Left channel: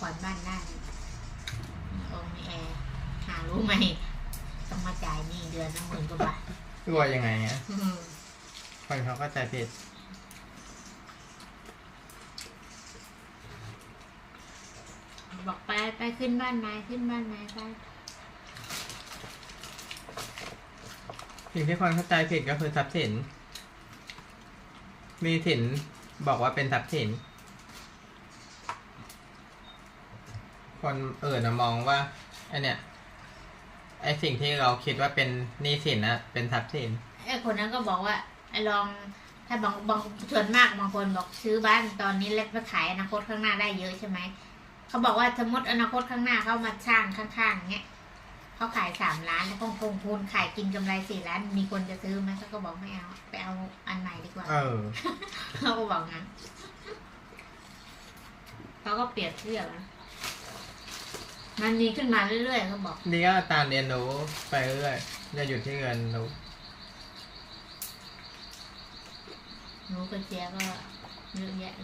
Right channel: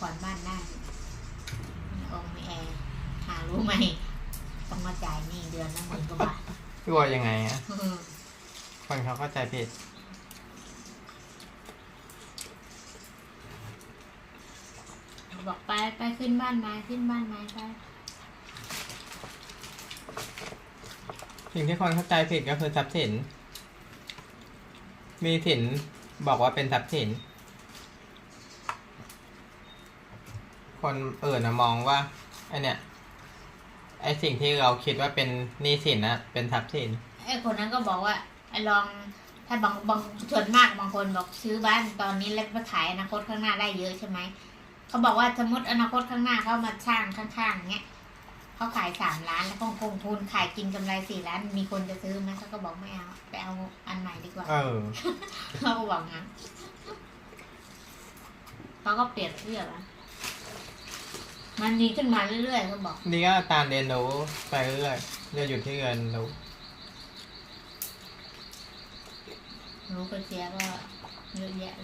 ผ่อนบ้านได้องค์มีแอร์หารู้ไหมต้องมาจ่ายนี่เดือนละ10,000 กว่าบาทกลัวยังไงอะคนเขาเข้าใจผิดบอกไปขึ้นบ้านไม้ไปสิ่งที่คนเข้าใจผิดก็คือทรัพย์สินมีสินบอกว่าเป็นทรัพย์สินคนอื่นมองว่าไอเนี่ยไอสิ่งที่เราคิดว่าเป็นหนี้สินนะเป็นทรัพย์สินไอคนนั้นก็บอกว่าลองถ้าบางส่วนมากบางคนบอกซื้อบ้านตอนนี้แล้วไปขายอนาคตข้างหน้าได้เยอะใช่ไหมเขาบอกว่าสมมติอนาคตข้างหน้าเขามาสร้างข้างๆเงี้ยเขาขาย3 ล้านแล้วคงทุนขายกินกำไร4 ล้านมีคนจะซื้อไหมเขาก็บอกไม่เอาไปเอาอันใหม่ดีกว่าเขาก็บอกงั้นเขาก็เปรียบเทียบนะมันมีขึ้นมาเรื่อยๆเขาบอกนี่ก็การเรียนรู้ไปเรื่อยๆเรียนอยู่ที่เรียนรู้กระเจี๊ยบก็เยอะแยะ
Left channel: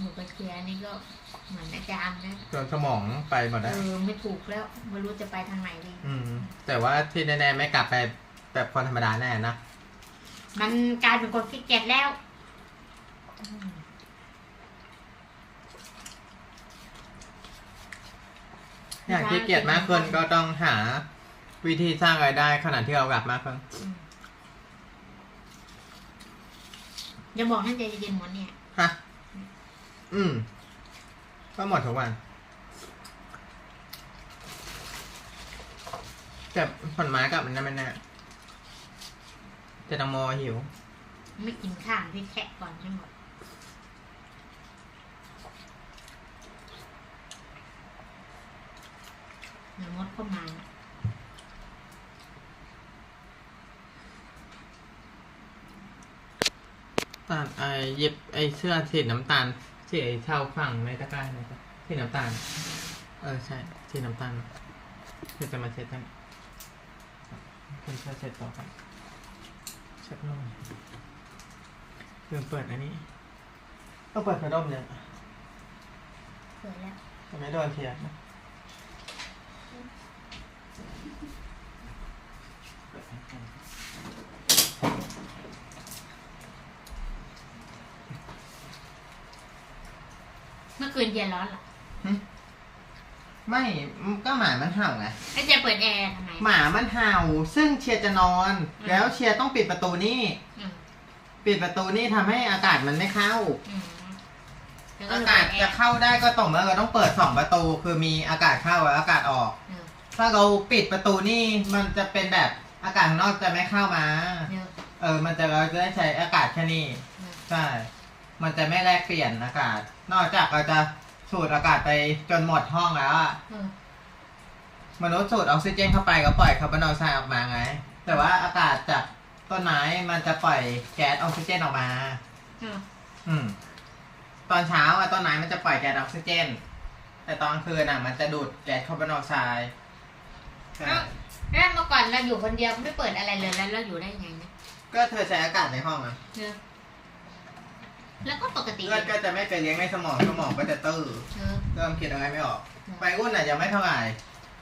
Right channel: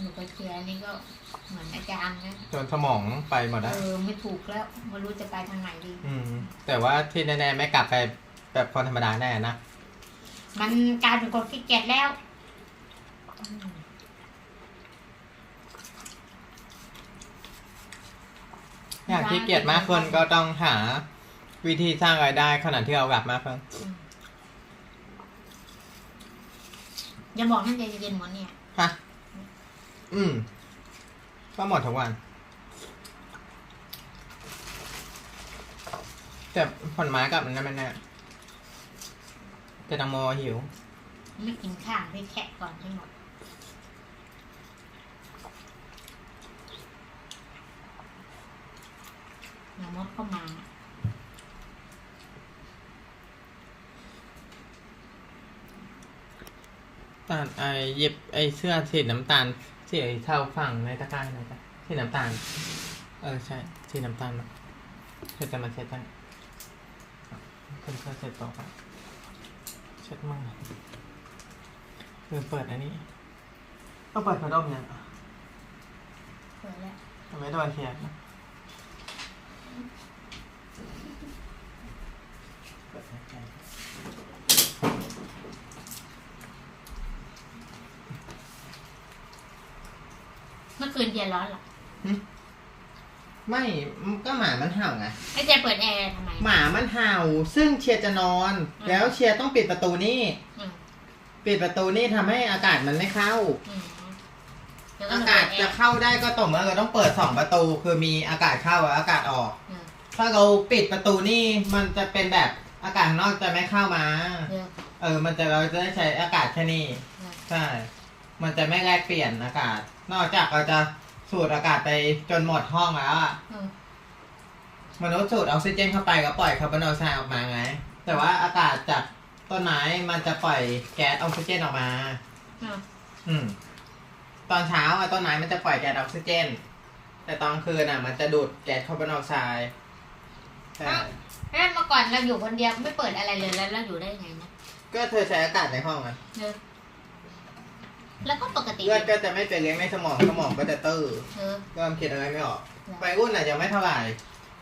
หนูกระเจี๊ยบนี่ก็เหมือนอาจารย์นะจนสมองไปหมดแล้วไม่ถูกแล้วไม่รู้จะไปทางไหนดีแต่ว่าที่แน่ๆไม่กลับไปแบบคนธรรมดาแน่นะมันกลายเป็นคนขี้เกียจแล้วอยากขี้เกียจมากคนก็ต้องหาวิธีสร้างรายได้ขนาดที่เรากลับมากขึ้นอย่าบอกให้ใจเย็นๆหมดเนี่ยฮะก็หมดทุกวันแต่ผลไม้กับมันนั่นไม่แน่แต่ตังโมหิวไม่กินข้างที่แคะก่อนให้หมดอย่ามดเข้ามาตัดหยิบเสื้อสีน้ำตาลสีเทาฝั่งในตะกร้าไหนจ๊ะสีน้ำตาลใช่สีน้ำตาลเดี๋ยวจะมาเช็ดกันคุณจะเช็ดต่อไปเช็ดมือลืมเปิดอันนี้ต้องเปิดพัดลมเนี่ยเปิดแล้วทำไมโดนเขียนนะเมื่อคืนเย็นร้อนหรอไม่ก็หมามันเห่าไงไอ้เจเปิดแอร์ทำไมหมามันเห่าซึ่งเชียร์จะนอนแล้วเชียร์ต้องปิดประตูนี่ปิดประตูนี่ทำให้อากาศมันไม่เข้าอากาศจะเข้าได้ก็ต่อเมื่อเราต้องเปิด2 ประตูคือมีอากาศเข้าและอากาศออกถ้าเราปิดประตูนี่มันจะเป็นแบบอากาศข้างนอกจะไม่เข้ามามันจะเราจะได้ใช้อากาศแค่นี้ใช่มันจะไม่แลกเปลี่ยนอากาศนอกจากเราจะสูดอากาศไปจนหมดห้องแล้วมนุษย์สูดออกซิเจนเข้าไปก็ปล่อยคาร์บอนไดออกไซด์ออกมาไงแต่ว่าอากาศจากต้นไม้มันจะปล่อยแก๊สออกซิเจนออกมาตอนเช้าต้นไม้มันจะปล่อยแก๊สออกซิเจนแต่ตอนกลางคืนมันจะดูดแก๊สคาร์บอนไดออกไซด์แล้วเมื่อก่อนเราอยู่คนเดียวไม่เปิดอะไรเลยแล้วเราอยู่ได้ไงนะก็เธอใช้อากาศในห้องแล้วก็ปกติเลือดก็จะไม่ไปเลี้ยงในสมองก็จะตื้อเริ่มคิดอะไรไม่ออกไปอุ้นอาจจะไม่เท่าไหร่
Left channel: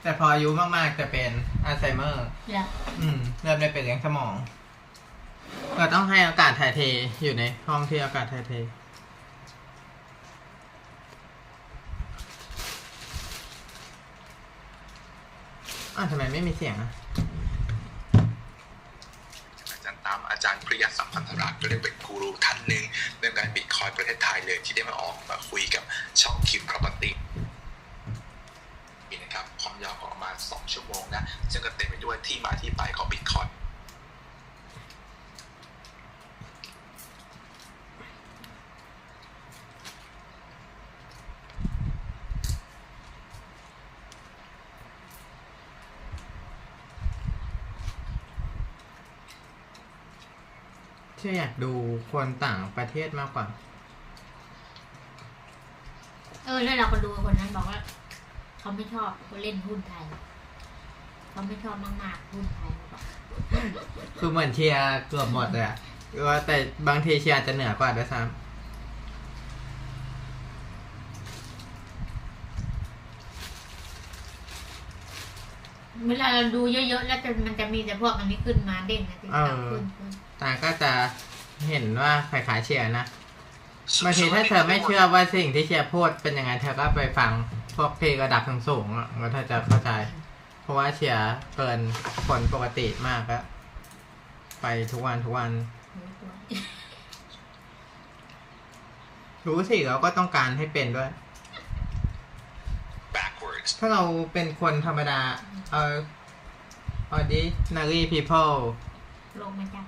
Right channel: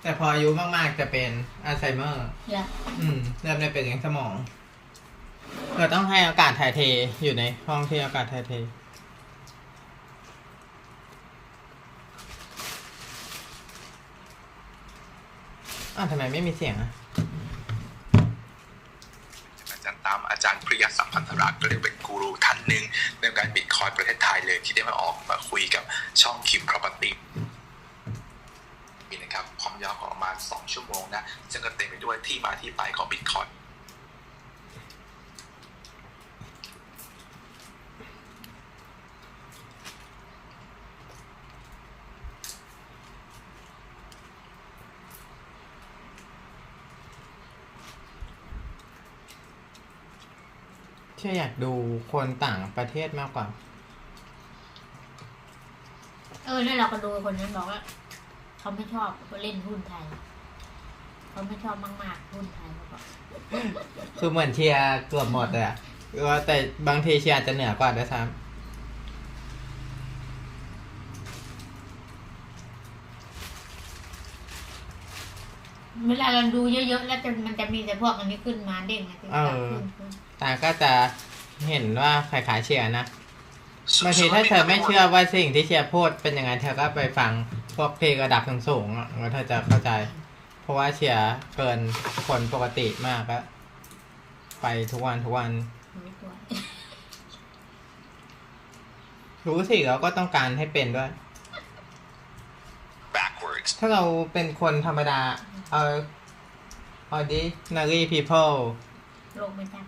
แต่พออายุมากๆจะเป็นอัลไซเมอร์เริ่มไม่ไปเลี้ยงสมองเราต้องให้อากาศถ่ายเทอยู่ในห้องที่อากาศถ่ายเททำไมไม่มีเสียงอาจารย์ปริยสัมพันธรัตน์ก็เรียกเป็นกูรูท่านหนึ่งในการบิตคอยน์ประเทศไทยเลยที่ได้มาคุยกับช่องคิม Property มีนะครับความยาวของประมาณ2 ชั่วโมงนะซึ่งก็เต็มไปด้วยที่มาที่ไปของบิตคอยน์ที่อยากดูคนต่างประเทศมากกว่าแล้วเราก็ดูคนนั้นบอกว่าเขาไม่ชอบเขาเล่นหุ้นไทยเขาไม่ชอบมากๆหุ้นไทยคือเหมือนเชียร์เกือบหมดเลยแต่บางทีเชียร์จะเหนือกว่าด้วยซ้ เวลาเราดูเยอะๆแล้วมันจะมีแต่พวกอันนี้ขึ้นมาเด้งนะขึ้นแต่ก็จะเห็นว่าคล้ายๆเชียร์นะบางทีถ้าเธอไม่เชื่อว่าสิ่งที่เชียร์พูดเป็นยังไงเธอก็ไปฟังพวกเพลงระดับสูงๆแล้วเธอจะเข้าใจเพราะว่าเชียร์เกินคนปกติมากแล้วไปทุกวันรู้สิเราก็ต้องการให้เป็นด้วย ถ้าเราเป็นคนธรรมดาordinary people โลกไม่จับ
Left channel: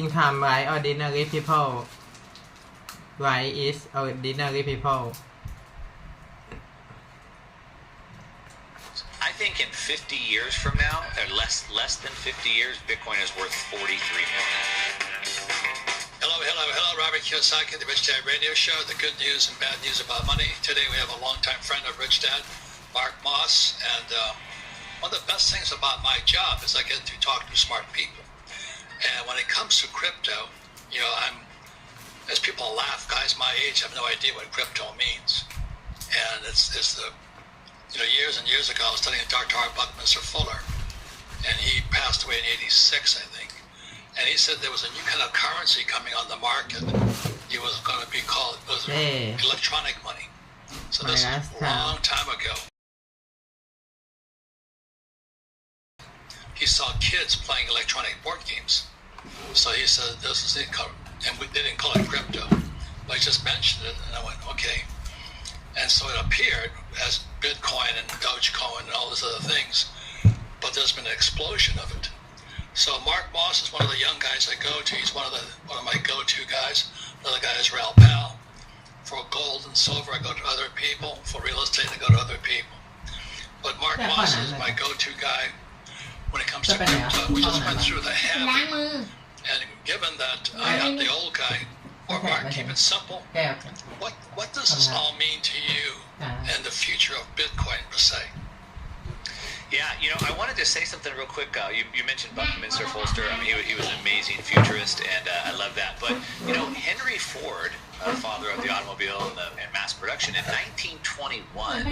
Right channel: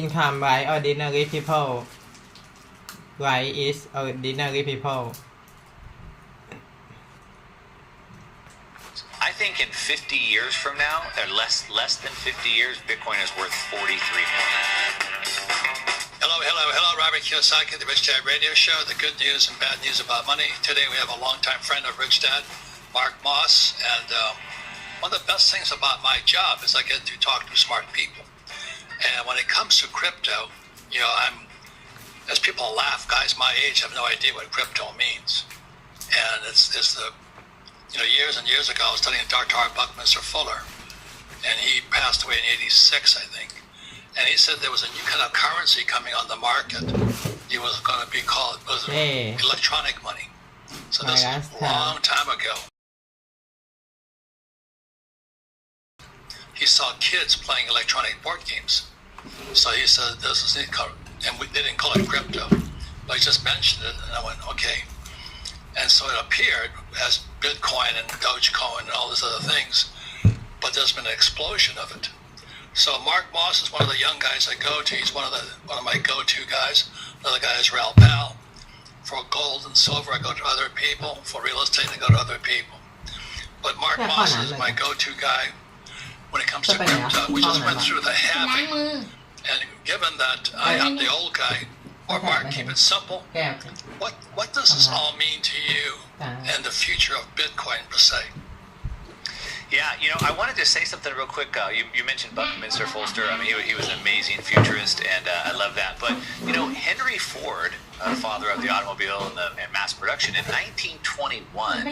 income by ordinary people right is ordinary people I think in 50 years from now, or less than 50 years, Bitcoin is worth 43 million. Hello, Robert Kiyosaki, the Rich Dad Radio Show, the good news and bad news about money. Today we have a longtime friend of Rich Dad, Mark Moss, and one of the best things about my job is I get to talk to smart people. And when it comes to crypto, as people laugh, guys my age have no idea what crypto means. And it's the years and years ago, I was studying Dr. Buckminster Fuller, and he passed away in '86, I think. And he said there was a new kind of currency coming on the market. It was going to be called electronic money. So this is a long time ago. He saw kids playing electronic board games. So he said, this is it, and we didn't call it crypto, but he just mentioned it, and I went, okay. And so it appeared as Bitcoin and Dogecoin and all these other things, but there's been an explosion of it. So Mark Moss is one of the young guys I go to. He's one of my go-to guys. Another guy is Raoul Pal. For gold and silver, I go to other people. For real estate, I go to other people. But Mark Moss is my go-to guy when it comes to crypto. We just went through the halving, and given that I am the old guy, or Mark, keep it simple. What does this all mean to you and the future of Bitcoin per se? Yeah, I wanted to say something real quick. You mentioned Buckminster Fuller. I mean, he was an amazing futurist, and I love that. But, Henry Ford, the father of the automobile and mass production, in 1921,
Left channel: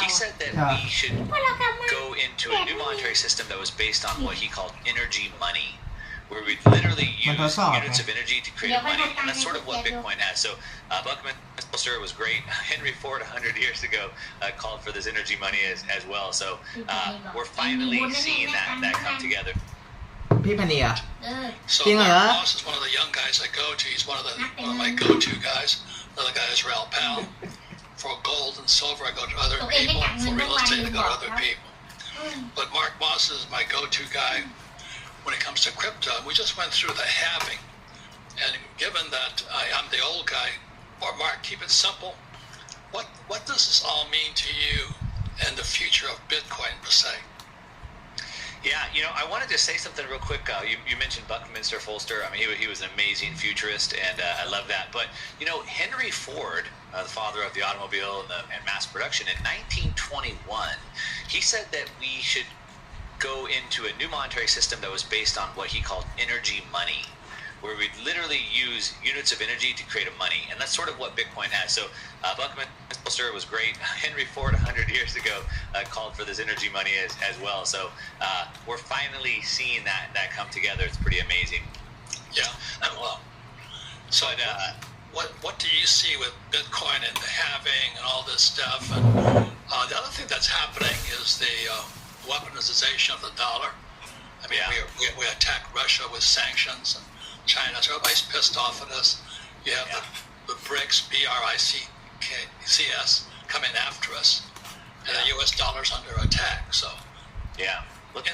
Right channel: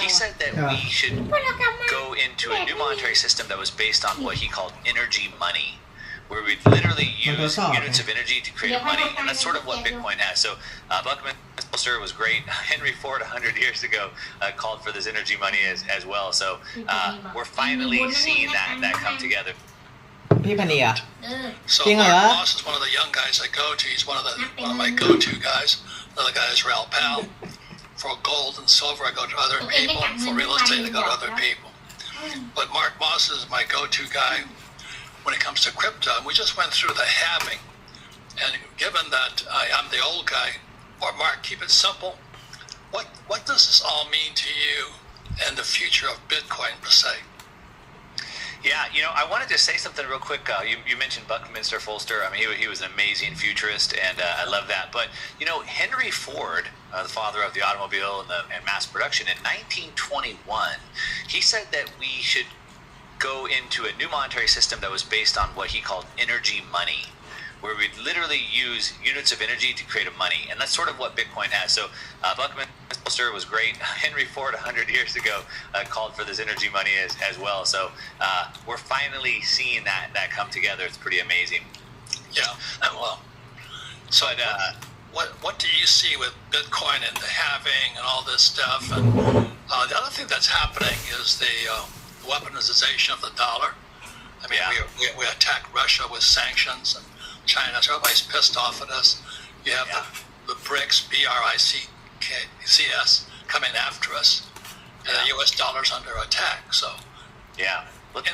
he said that we should go into a new monetary system that was based on what he called energy money, where we literally use units of energy to create money, and that's sort of what Bitcoin has. So Buckminster was great. Henry Ford 100 years ago called for this energy money as well. So we're finally seeing that come together. พี่พนีอ่ะ So Mark Moss is one of the young guys I go to. He's one of my go-to guys. Another guy is Raoul Pal. For gold and silver, I go to other people. For real estate, I go to other people. But Mark Moss is my go-to guy when it comes to crypto. We just went through the halving, and given that I'm the old guy, or Mark, keep it simple. What does this all mean to you and the future of Bitcoin per se? Yeah, I wanted to say something real quick. You mentioned Buckminster Fuller. I mean, he was an amazing futurist, and I love that. But, Henry Ford, the father of the automobile and mass production, in 1921, he said that we should go into a new monetary system that was based on what he called energy money, where we literally use units of energy to create a money, and that's sort of what Bitcoin has. So Buckminster was great. Henry Ford 100 years ago called for this energy money as well. So we're finally seeing that come together. It's pretty amazing. Yeah, well, so what do you see with Bitcoin and the halving and all this stuff? And the other thing that's happening is the weaponization of the dollar. I mean, we attacked Russia with sanctions and China, so everybody's pissed off at us. You have the BRICS, BRICS, coming after us, and the U.S. dollar's under attack. So,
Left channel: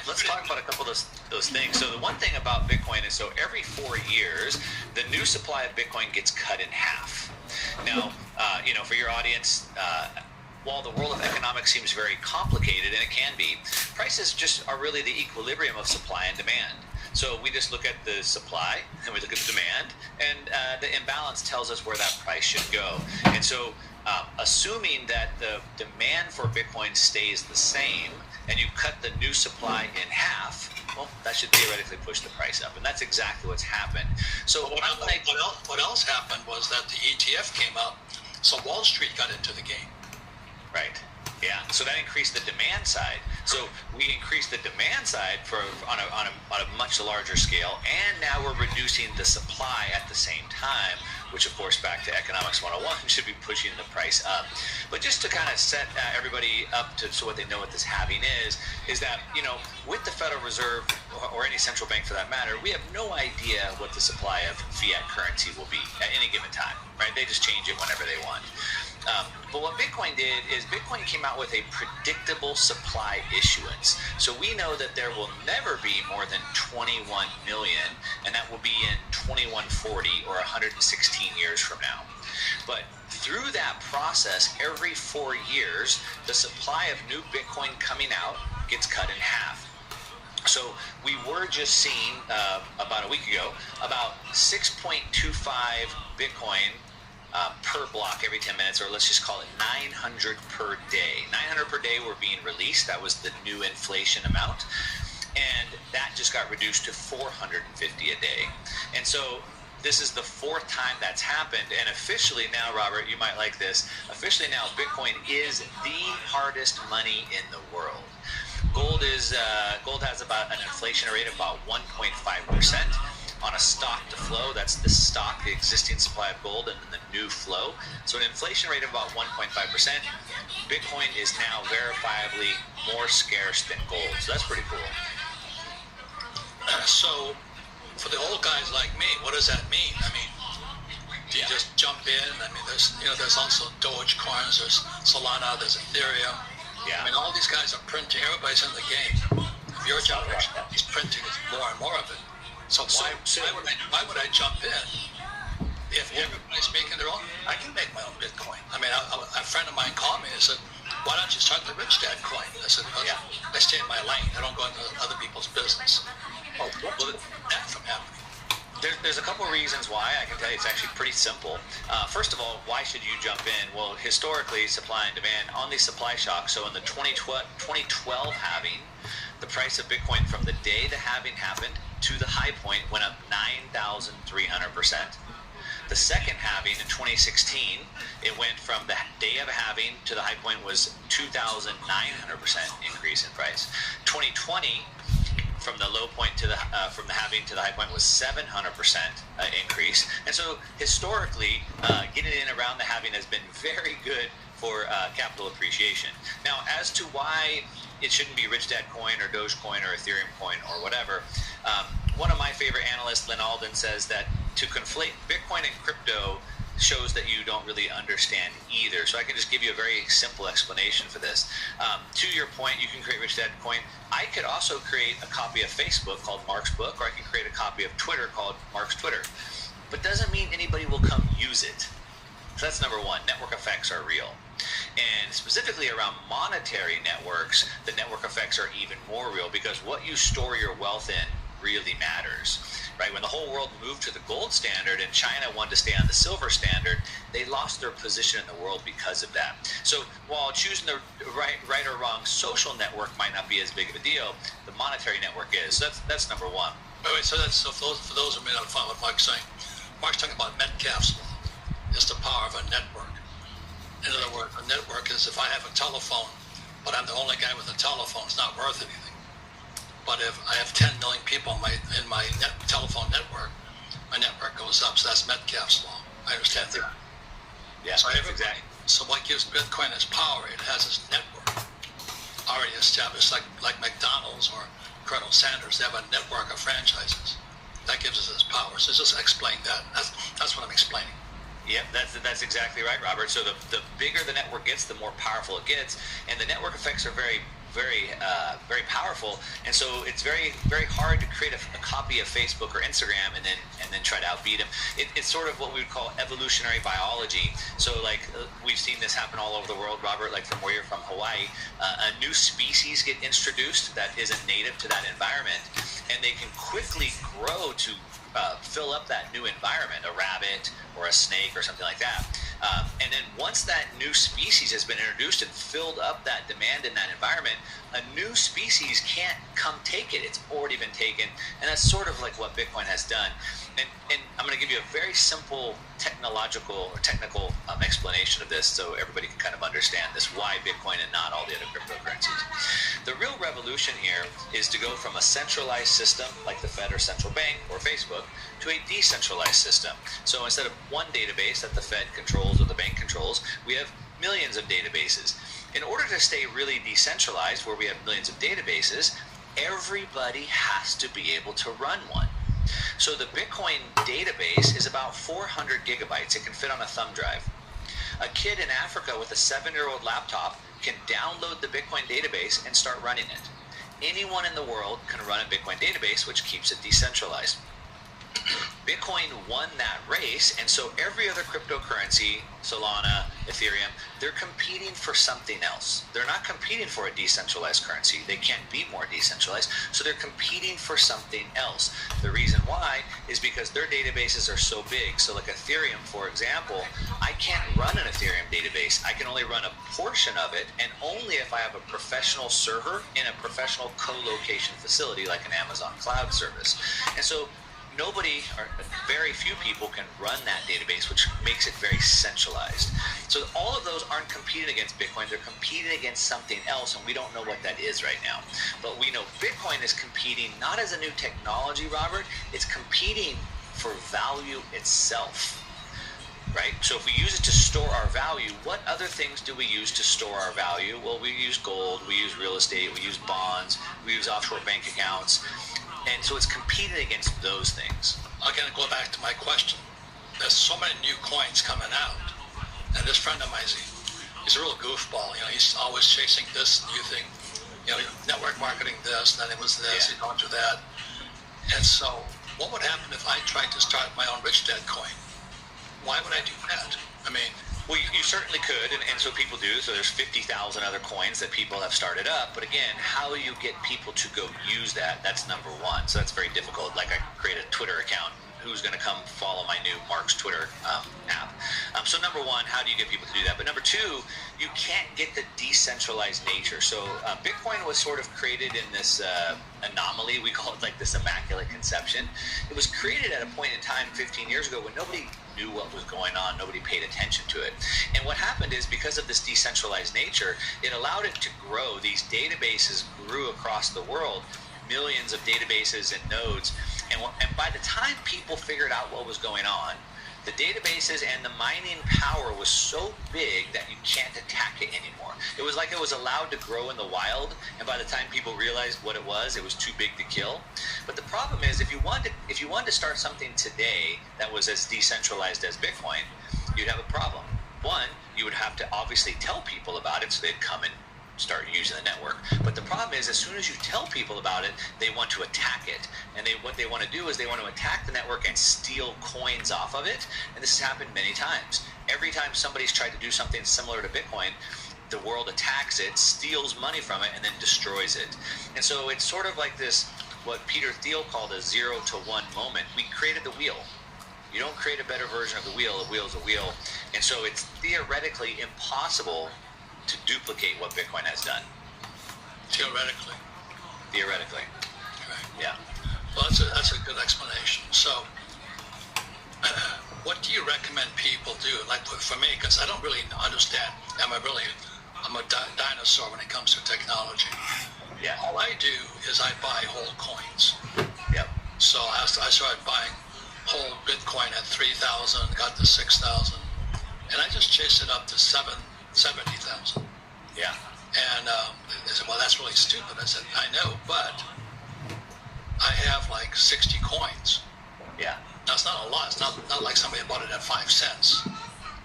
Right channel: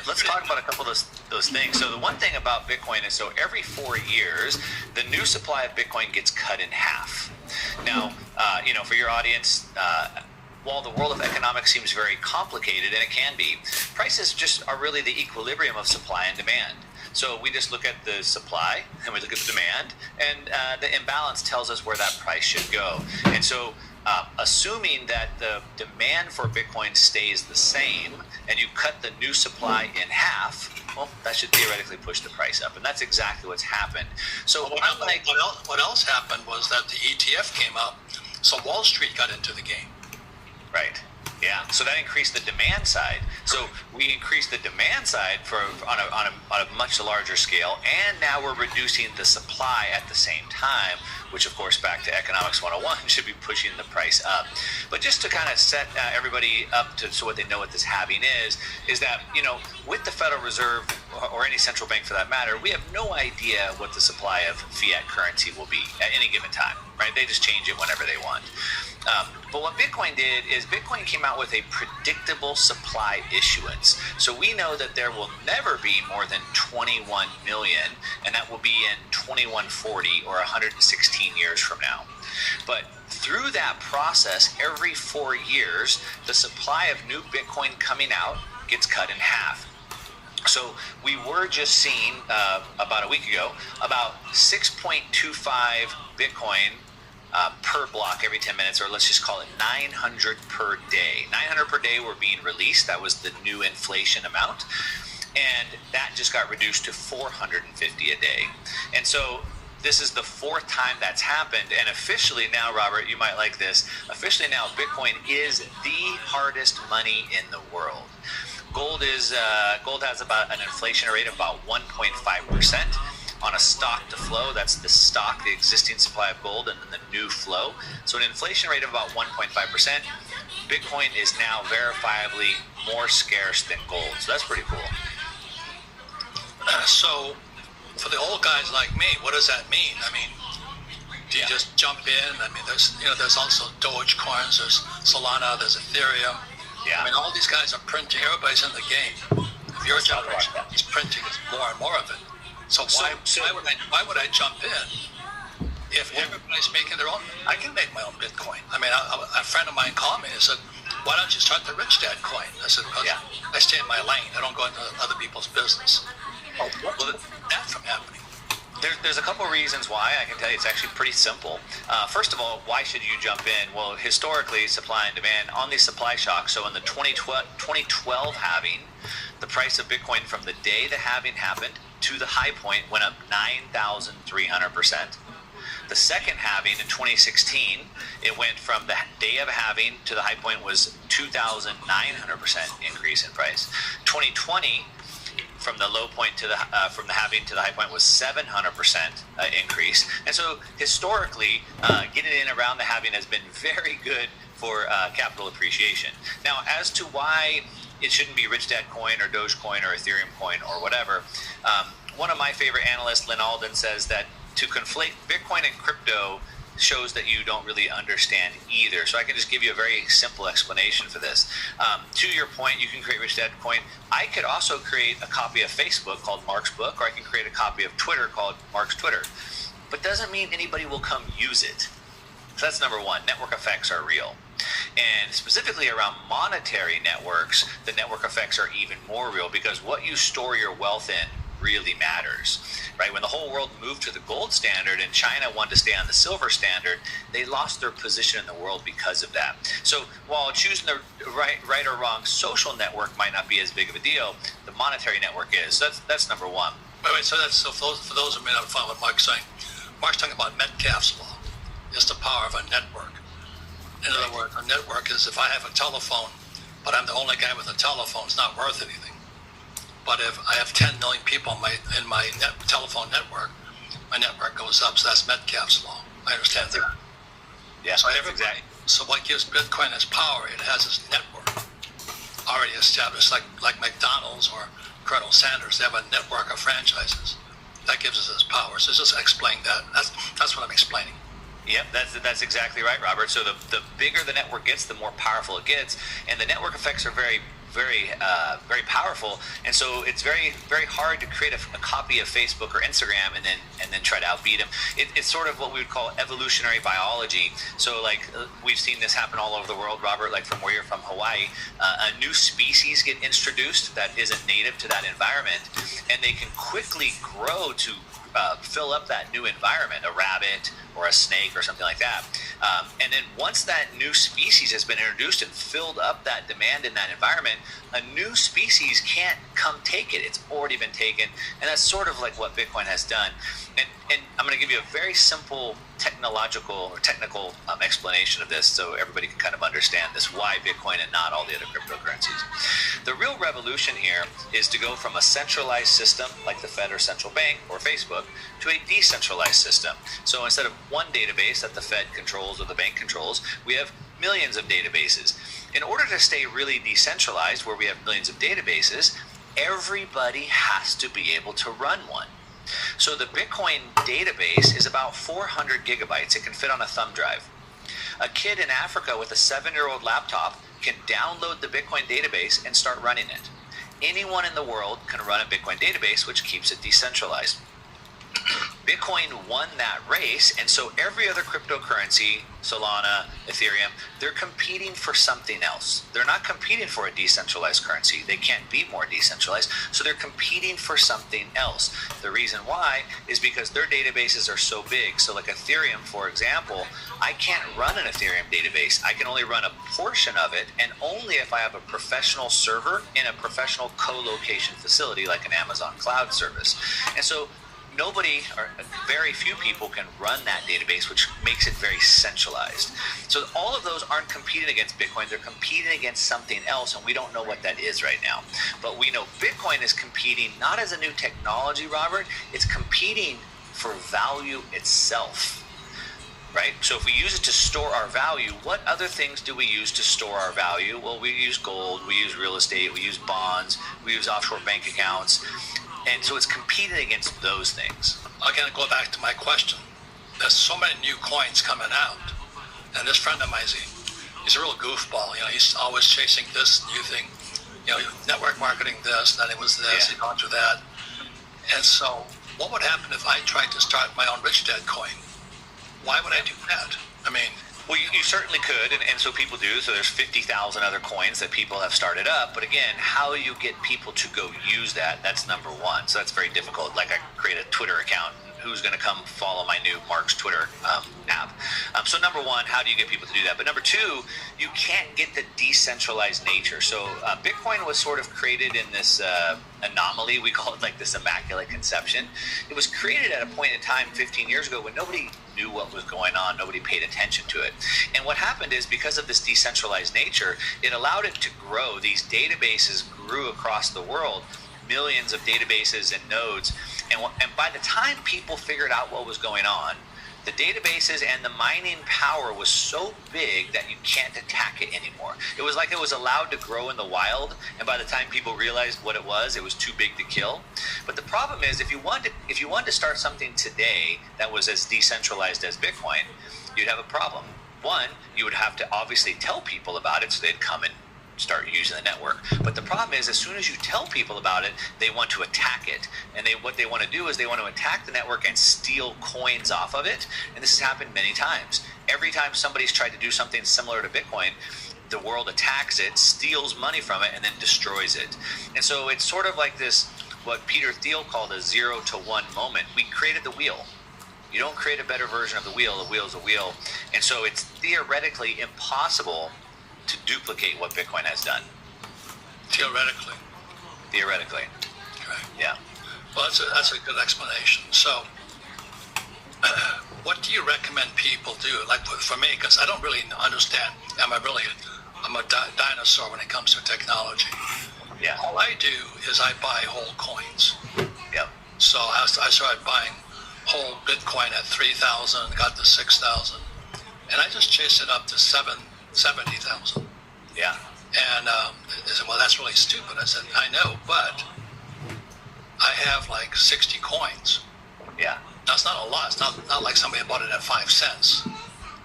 let's talk about a couple of those things. So the one thing about Bitcoin is, so every 4 years, the new supply of Bitcoin gets cut in half. Now, for your audience, while the world of economics seems very complicated, and it can be, prices just are really the equilibrium of supply and demand. So we just look at the supply, and we look at the demand, and the imbalance tells us where that price should go. And so assuming that the demand for Bitcoin stays the same, and you cut the new supply in half, well, that should theoretically push the price up. And that's exactly what's happened. So what else happened was that the ETF came up, so Wall Street got into the game. Right. Yeah, so that increased the demand side. So we increased the demand side on a much larger scale, and now we're reducing the supply at the same time, which of course, back to Economics 101, should be pushing the price up. But just to kind of set everybody up to so what they know what this halving is that, you know, with the Federal Reserve or any central bank for that matter, we have no idea what the supply of fiat currency will be at any given time, right? They just change it whenever they want. But what Bitcoin did is Bitcoin came out with a predictable supply issuance. So we know that there will never be more than 21 million, and that will be in 2140 or 116 years from now. But through that process, every 4 years, the supply of new Bitcoin coming out gets cut in half. So we were just seeing about a week ago about 6.25 Bitcoin per block every 10 minutes, or let's just call it 900 per day. 900 per day were being released. That was the new inflation amount. And that just got reduced to 450 a day. And so this is the fourth time that's happened. And officially now, Robert, you might like this, officially now Bitcoin is the hardest money in the world. Gold has about an inflation rate of about 1.5%. On a stock to flow, that's the stock, the existing supply of gold, and then the new flow. So an inflation rate of about 1.5%. Bitcoin is now verifiably more scarce than gold. So that's pretty cool. So for the old guys like me, what does that mean? I mean, do you just jump in? I mean, there's also Dogecoins, there's Solana, there's Ethereum. Yeah. I mean, all these guys are printing. Everybody's in the game. If your generation is printing more and more of it. So why would I jump in if everybody's making their own? I can make my own Bitcoin. I mean, a friend of mine called me and said, "Why don't you start the Rich Dad coin?" I said, "I stay in my lane. I don't go into other people's business." Oh, well, that's from happening. There's a couple of reasons why. I can tell you it's actually pretty simple. First of all, why should you jump in? Well, historically, supply and demand on these supply shocks. So in the 2012 halving, the price of Bitcoin from the day the halving happened to the high point went up 9,300%. The second halving in 2016, it went from the day of halving to the high point was 2,900% increase in price. 2020, from the low point to the from the halving to the high point was 700% increase. And so historically, getting in around the halving has been very good for capital appreciation. Now, as to why it shouldn't be Rich Dad coin or Dogecoin or Ethereum coin or whatever, one of my favorite analysts, Lynn Alden, says that to conflate Bitcoin and crypto shows that you don't really understand either. So I can just give you a very simple explanation for this. To your point, you can create Rich Dad coin. I could also create a copy of Facebook called Mark's Book, or I can create a copy of Twitter called Mark's Twitter. But doesn't mean anybody will come use it. So that's number one. Network effects are real. And specifically around monetary networks, the network effects are even more real because what you store your wealth in really matters, right? When the whole world moved to the gold standard and China wanted to stay on the silver standard, they lost their position in the world because of that. So while choosing the right or wrong social network might not be as big of a deal, the monetary network is. So that's number one. Wait, so for those who may not follow what Mark's saying, Mark's talking about Metcalfe's law. It's the power of a network. In other words, a network is if I have a telephone, but I'm the only guy with a telephone, it's not worth anything. But if I have 10 million people in my telephone network, my network goes up. So that's Metcalfe's law. I understand that. Yeah, so exactly. So what gives Bitcoin its power? It has its network already established, like McDonald's or Colonel Sanders. They have a network of franchises. That gives us its power. So just explain that. That's what I'm explaining. Yep, that's exactly right, Robert. So the bigger the network gets, the more powerful it gets, and the network effects are very powerful. And so it's very, very hard to create a copy of Facebook or Instagram and then try to outbeat them. It's sort of what we would call evolutionary biology. So like we've seen this happen all over the world, Robert. Like from where you're from, Hawaii, a new species get introduced that isn't native to that environment, and they can quickly grow to fill up that new environment, a rabbit or a snake or something like that. And then once that new species has been introduced and filled up that demand in that environment, a new species can't come take it. It's already been taken. And that's sort of like what Bitcoin has done. And I'm going to give you a very simple technical explanation of this so everybody can kind of understand this, why Bitcoin and not all the other cryptocurrencies. The real revolution here is to go from a centralized system like the Fed or central bank or Facebook to a decentralized system. So instead of one database that the Fed controls or the bank controls, we have millions of databases. In order to stay really decentralized, where we have millions of databases, everybody has to be able to run one. So the Bitcoin database is about 400 gigabytes. It can fit on a thumb drive. A kid in Africa with a 7-year-old laptop can download the Bitcoin database and start running it. Anyone in the world can run a Bitcoin database, which keeps it decentralized. Bitcoin won that race, and so every other cryptocurrency, Solana, Ethereum, they're competing for something else. They're not competing for a decentralized currency. They can't be more decentralized, so they're competing for something else. The reason why is because their databases are so big. So like Ethereum, for example, I can't run an Ethereum database. I can only run a portion of it, and only if I have a professional server in a professional co-location facility like an Amazon cloud service. And so nobody or very few people can run that database, which makes it very centralized. So all of those aren't competing against Bitcoin. They're competing against something else, and we don't know what that is right now. But we know Bitcoin is competing not as a new technology, Robert. It's competing for value itself, right? So if we use it to store our value, what other things do we use to store our value? Well, we use gold, we use real estate, we use bonds, we use offshore bank accounts. And so it's competing against those things. Again, go back to my question. There's so many new coins coming out. And this friend of mine, he's a real goofball. You know, he's always chasing this new thing. You know, network marketing this, then it was this, he gone through that. And so what would happen if I tried to start my own Rich Dad coin? Why would I do that? I mean, well, you certainly could, and so people do. So there's 50,000 other coins that people have started up. But again, how you get people to go use that, that's number one. So that's very difficult. Like I create a Twitter account. Who's going to come follow my new Mark's Twitter app? So number one, how do you get people to do that? But number two, you can't get the decentralized nature. So Bitcoin was sort of created in this anomaly. We call it like this immaculate conception. It was created at a point in time 15 years ago when nobody knew what was going on. Nobody paid attention to it. And what happened is because of this decentralized nature, it allowed it to grow. These databases grew across the world, millions of databases and nodes. And by the time people figured out what was going on, the databases and the mining power was so big that you can't attack it anymore. It was like it was allowed to grow in the wild, and by the time people realized what it was too big to kill. But the problem is, if you wanted to start something today that was as decentralized as Bitcoin, you'd have a problem. One, you would have to obviously tell people about it so they'd come and start using the network. But the problem is, as soon as you tell people about it, they want to attack it. And what they want to do is they want to attack the network and steal coins off of it. And this has happened many times. Every time somebody's tried to do something similar to Bitcoin, the world attacks it, steals money from it, and then destroys it. And so it's sort of like this, what Peter Thiel called a 0 to 1 moment. We created the wheel. You don't create a better version of the wheel. The wheel's a wheel. And so it's theoretically impossible to duplicate what Bitcoin has done. Theoretically. Theoretically. Right. Yeah. Well, that's a good explanation. So, what do you recommend people do? Like for me, because I don't really understand. I'm a dinosaur when it comes to technology. Yeah. All I do is I buy whole coins. Yep. So I started buying whole Bitcoin at 3,000, got to 6,000, and I just chased it up to 70,000. Yeah. And they said, well, that's really stupid. I said, I know, but I have like 60 coins. Yeah. That's not a lot. It's not like somebody bought it at 5 cents.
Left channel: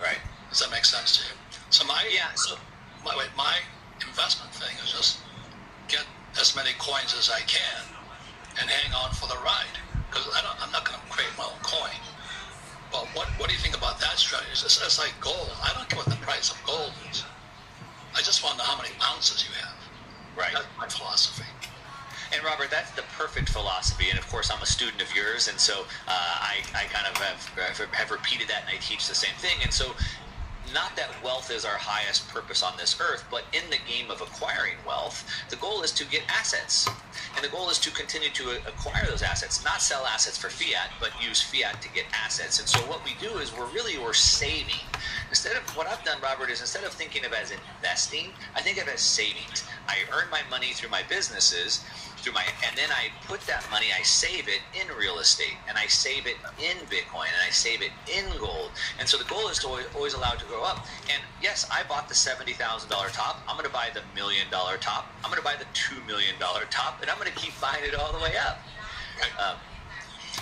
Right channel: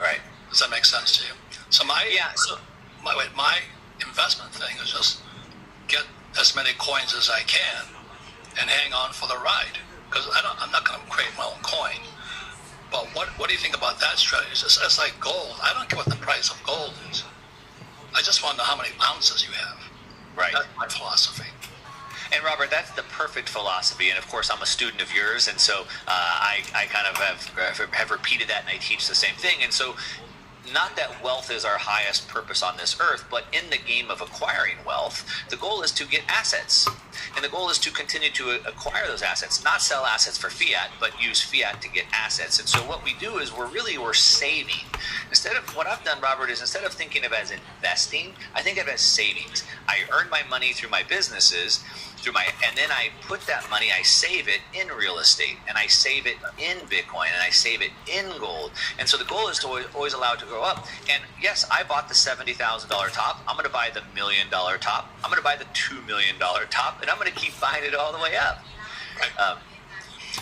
Right. Does that make sense to you? So my investment thing is just get as many coins as I can and hang on for the ride. Because I'm not going to create my own coin. But what do you think about that strategy? It's like gold. I don't care what the price of gold is. I just want to know how many ounces you have. Right. That's my philosophy. And Robert, that's the perfect philosophy. And of course, I'm a student of yours, and so I kind of have repeated that, and I teach the same thing. And so not that wealth is our highest purpose on this earth, but in the game of acquiring wealth, the goal is to get assets. And the goal is to continue to acquire those assets, not sell assets for fiat, but use fiat to get assets. And so what we do is we're saving. Instead of what I've done, Robert, is instead of thinking of it as investing, I think of it as savings. I earn my money through my businesses, and then I put that money, I save it in real estate, and I save it in Bitcoin, and I save it in gold. And so the goal is to always allow it to grow up. And yes, I bought the $70,000 top. I'm going to buy the $1 million top. I'm going to buy the $2 million top, and I'm going to keep buying it all the way up. Right.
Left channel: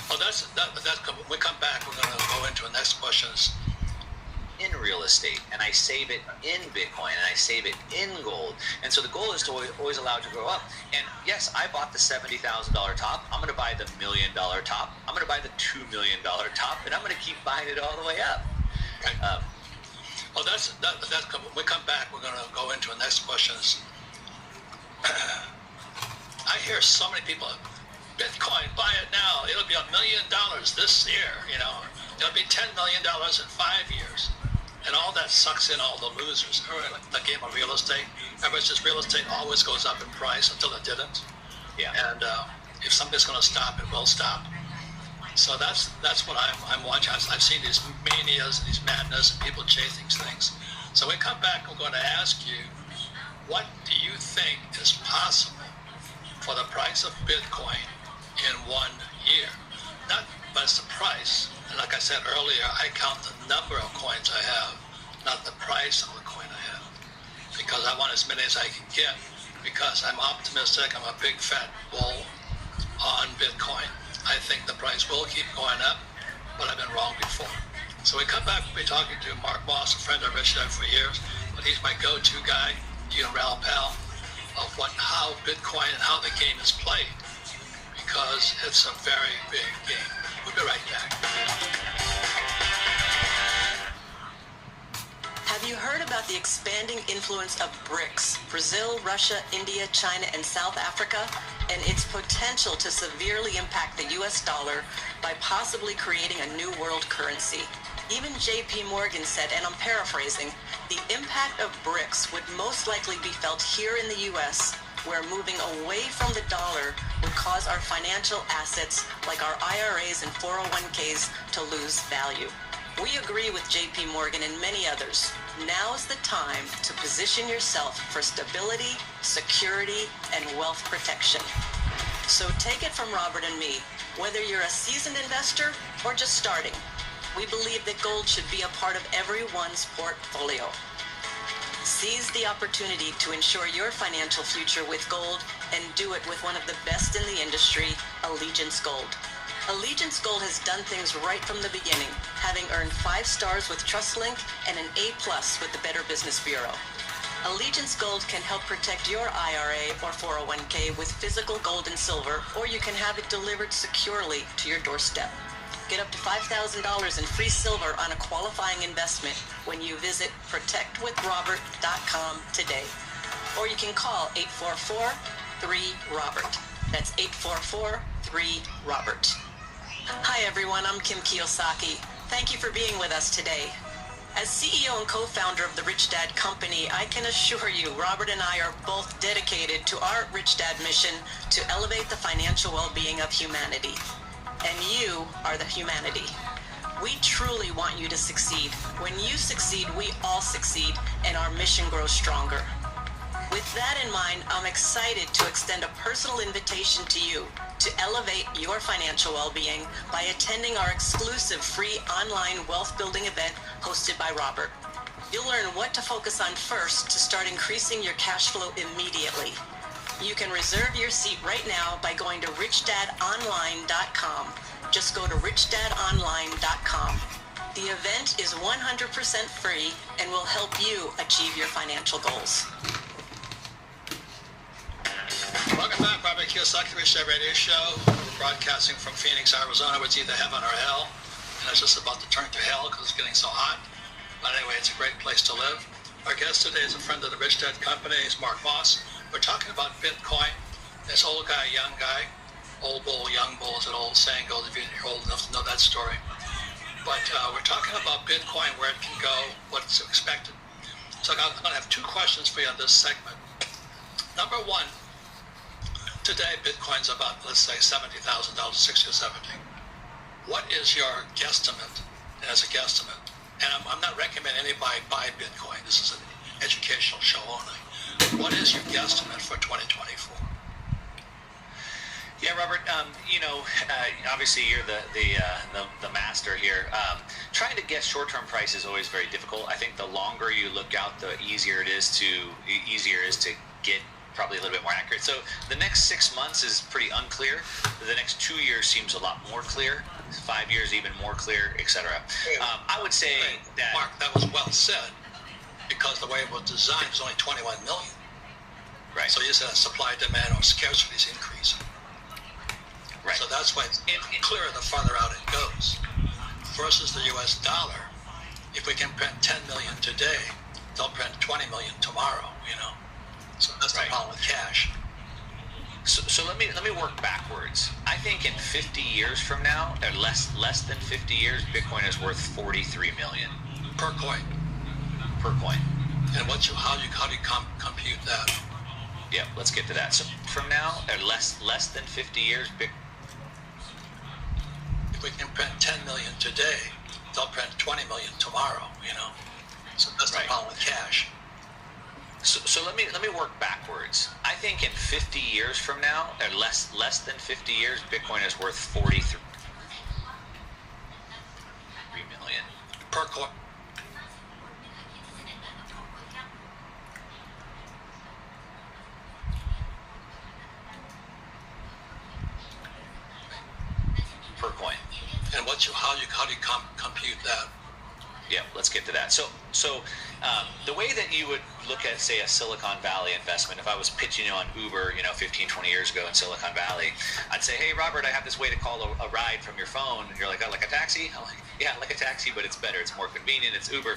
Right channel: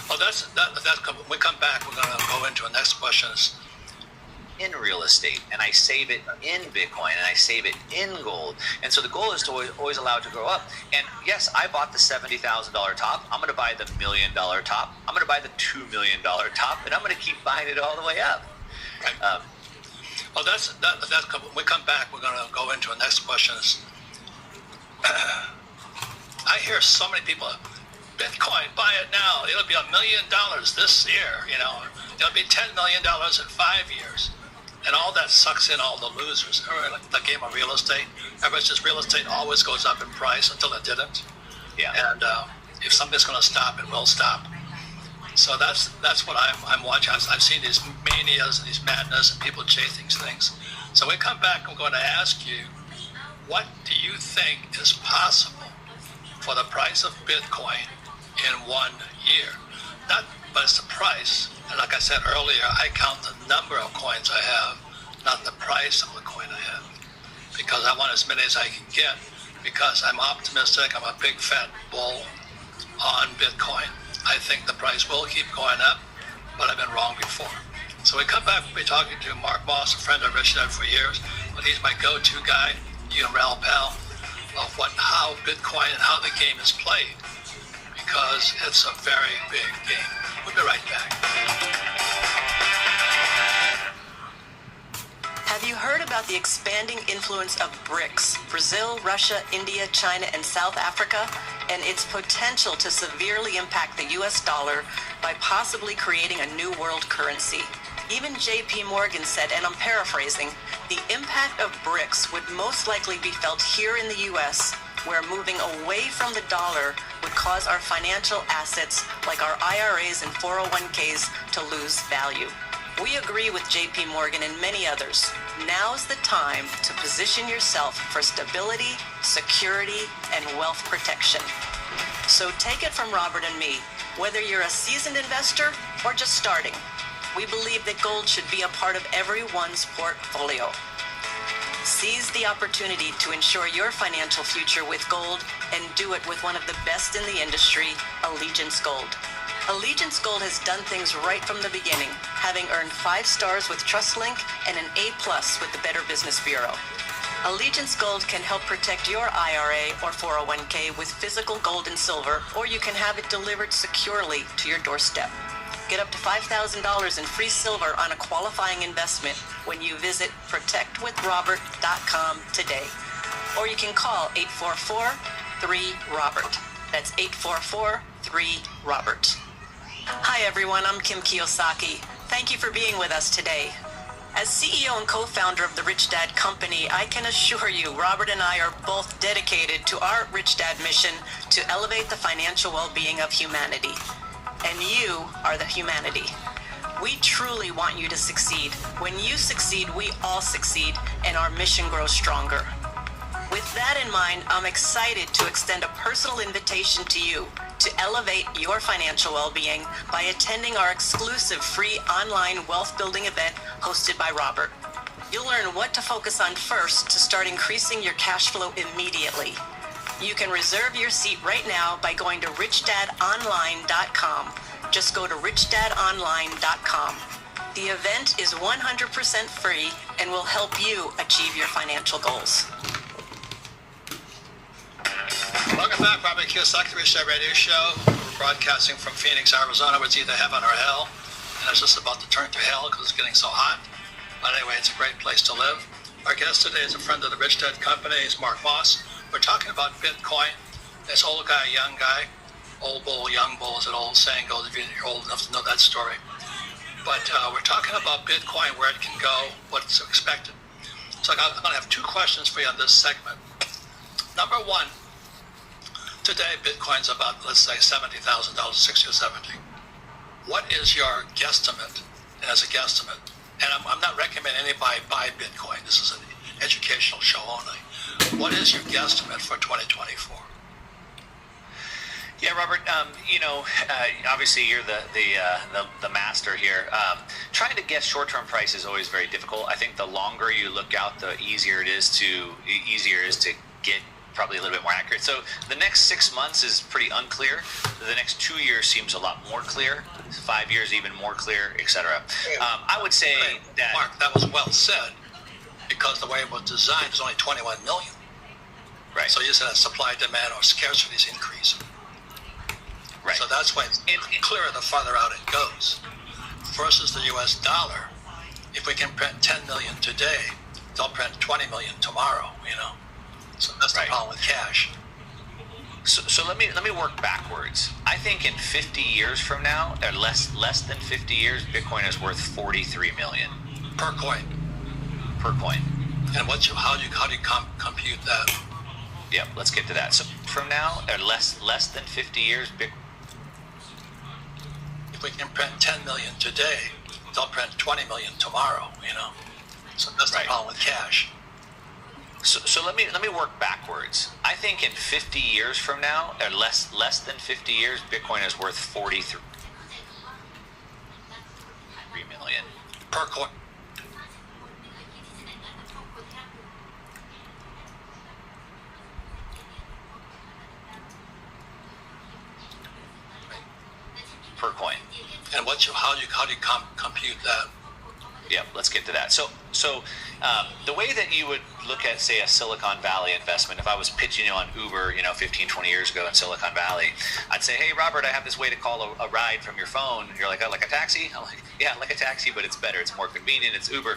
Well, that's when we come back, we're going to go into the next questions. In real estate, and I save it in Bitcoin, and I save it in gold. And so the goal is to always allow it to grow up. And yes, I bought the $70,000 top. I'm going to buy the $1 million top. I'm going to buy the $2 million top, and I'm going to keep buying it all the way up. Right. Well, that's when we come back, we're going to go into the next questions. I hear so many people, Bitcoin, buy it now. It'll be $1 million this year. It'll be $10 million in 5 years. And all that sucks in all the losers. Like the game of real estate. Everybody's just real estate always goes up in price until it didn't. Yeah. And if something's going to stop, it will stop. So that's what I'm watching. I've seen these manias and these madness and people chasing things. So when we come back, I'm going to ask you, what do you think is possible for the price of Bitcoin in 1 year? But it's the price. And like I said earlier, I count the number of coins I have, not the price of the coin I have. Because I want as many as I can get. Because I'm optimistic. I'm a big fat bull on Bitcoin. I think the price will keep going up, but I've been wrong before. So we come back, we'll be talking to Mark Moss, a friend of Rich Dad for years. But he's my go-to guy, Ral Pal, of how Bitcoin and how the game is played. Because it's a very big game. We'll be right back. Have you heard about the expanding influence of BRICS, Brazil, Russia, India, China, and South Africa, and its potential to severely impact the US dollar by possibly creating a new world currency? Even JP Morgan said, and I'm paraphrasing, the impact of BRICS would most likely be felt here in the US, where moving away from the dollar would cause our financial assets, like our IRAs and 401ks, to lose value. We agree with JP Morgan and many others. Now's the time to position yourself for stability, security, and wealth protection. So take it from Robert and me, whether you're a seasoned investor or just starting, we believe that gold should be a part of everyone's portfolio. Seize the opportunity to ensure your financial future with gold and do it with one of the best in the industry, Allegiance Gold. Allegiance Gold has done things right from the beginning, having earned 5 stars with TrustLink and an A+ with the Better Business Bureau. Allegiance Gold can help protect your IRA or 401k with physical gold and silver, or you can have it delivered securely to your doorstep. Get up to $5,000 in free silver on a qualifying investment when you visit protectwithrobert.com today. Or you can call 844-3-ROBERT. That's 844-3-ROBERT. Hi everyone, I'm Kim Kiyosaki. Thank you for being with us today. As CEO and co-founder of the Rich Dad Company, I can assure you Robert and I are both dedicated to our Rich Dad mission to elevate the financial well-being of humanity. And you are the humanity. We truly want you to succeed. When you succeed, we all succeed, and our mission grows stronger. With that in mind, I'm excited to extend a personal invitation to you to elevate your financial well-being by attending our exclusive free online wealth-building event hosted by Robert. You'll learn what to focus on first to start increasing your cash flow immediately. You can reserve your seat right now by going to richdadonline.com. Just go to richdadonline.com. The event is 100% free and will help you achieve your financial goals. Welcome back, Robert Kiyosaki, Rich Dad Radio Show. We're broadcasting from Phoenix, Arizona, where it's either heaven or hell. And it's just about to turn to hell because it's getting so hot. But anyway, it's a great place to live. Our guest today is a friend of the Rich Dad Company. He's Mark Moss. We're talking about Bitcoin. This old guy, young guy, old bull, young bull, as an old saying goes, if you're old enough to know that story. but we're talking about Bitcoin, where it can go, what's expected. So I'm going to have two questions for you on this segment. Number one, today Bitcoin's about, let's say, $70,000, 60 or 70. What is your guesstimate as a guesstimate? And I'm not recommending anybody buy Bitcoin. This is an educational show only. What is your guesstimate for 2024? Yeah, Robert. Obviously you're the master here. Trying to guess short-term price is always very difficult. I think the longer you look out, the easier it is to get probably a little bit more accurate. So the next 6 months is pretty unclear. The next 2 years seems a lot more clear. 5 years even more clear, etc. I would say that Mark, that was well said, because the way it was designed was only 21 million. Right. So you said supply, demand, or scarcity is increasing. Right. So that's why it's clearer the farther out it goes. Versus the U.S. dollar, if we can print 10 million today, they'll print 20 million tomorrow. So that's the problem with cash. So let me work backwards. I think in 50 years from now, or less than 50 years, Bitcoin is worth 43 million Per coin. per coin. And how do you compute that? Yeah, let's get to that. So from now, or less than 50 years, If we can print 10 million today, they'll print 20 million tomorrow. So that's the problem with cash. So let me work backwards. I think in 50 years from now, or less than 50 years, Bitcoin is worth 43 million Per coin. per coin. And how do you compute that? Yeah, let's get to that. So the way that you would look at, say, a Silicon Valley investment, if I was pitching you on Uber, 15, 20 years ago in Silicon Valley, I'd say, hey, Robert, I have this way to call a ride from your phone. And you're like, oh, like a taxi? I'm like, yeah, like a taxi, but it's better. It's more convenient. It's Uber.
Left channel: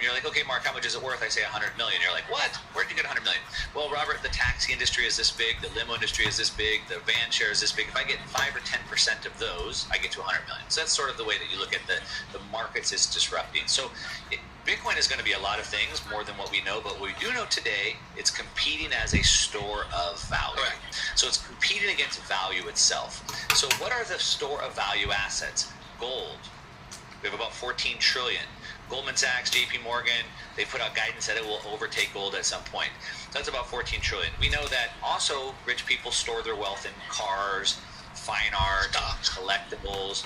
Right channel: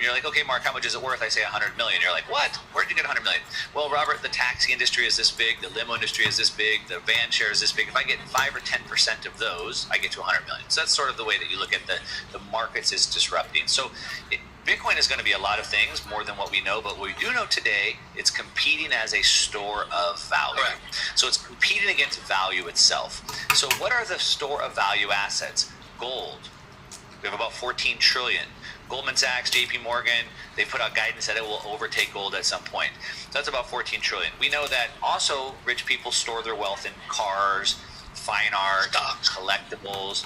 You're like, okay, Mark, how much is it worth? I say 100 million. You're like, what? Where'd you get 100 million? Well, Robert, the taxi industry is this big. The limo industry is this big. The van share is this big. If I get 5 or 10% of those, I get to 100 million. So that's sort of the way that you look at the markets is disrupting. So Bitcoin is going to be a lot of things more than what we know, but what we do know today, it's competing as a store of value. Correct. So it's competing against value itself. So what are the store of value assets? Gold. We have about 14 trillion. Goldman Sachs, JP Morgan, they put out guidance that it will overtake gold at some point. So that's about 14 trillion. We know that also rich people store their wealth in cars, fine art, Stocks, collectibles,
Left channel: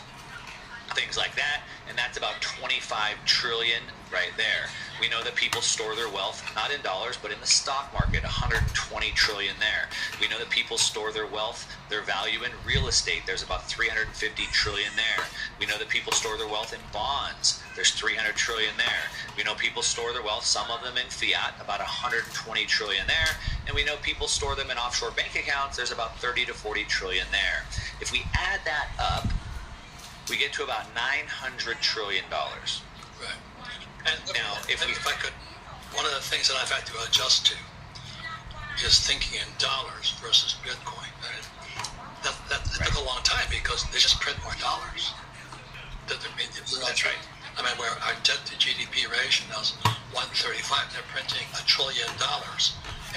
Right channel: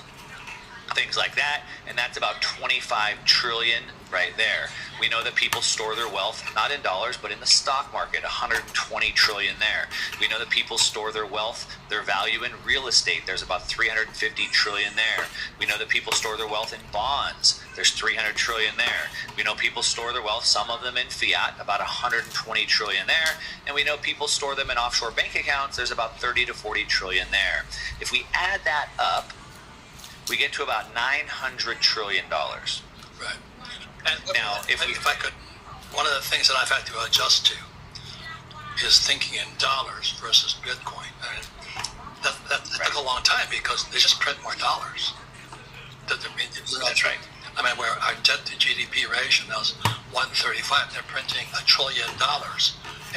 things like that, and that's about 25 trillion right there. We know that people store their wealth not in dollars but in the stock market, 120 trillion there. We know that people store their wealth, their value in real estate. There's about 350 trillion there. We know that people store their wealth in bonds. There's 300 trillion there. We know people store their wealth, some of them in fiat, about 120 trillion there. And we know people store them in offshore bank accounts. There's about 30 to 40 trillion there. If we add that up, we get to about $900 trillion. Right. And Now, if I could, one of the things that I've had to adjust to is thinking in dollars versus Bitcoin. And that took a long time because they just print more dollars. That's right. I mean, where our debt to GDP ratio now is 135, they're printing $1 trillion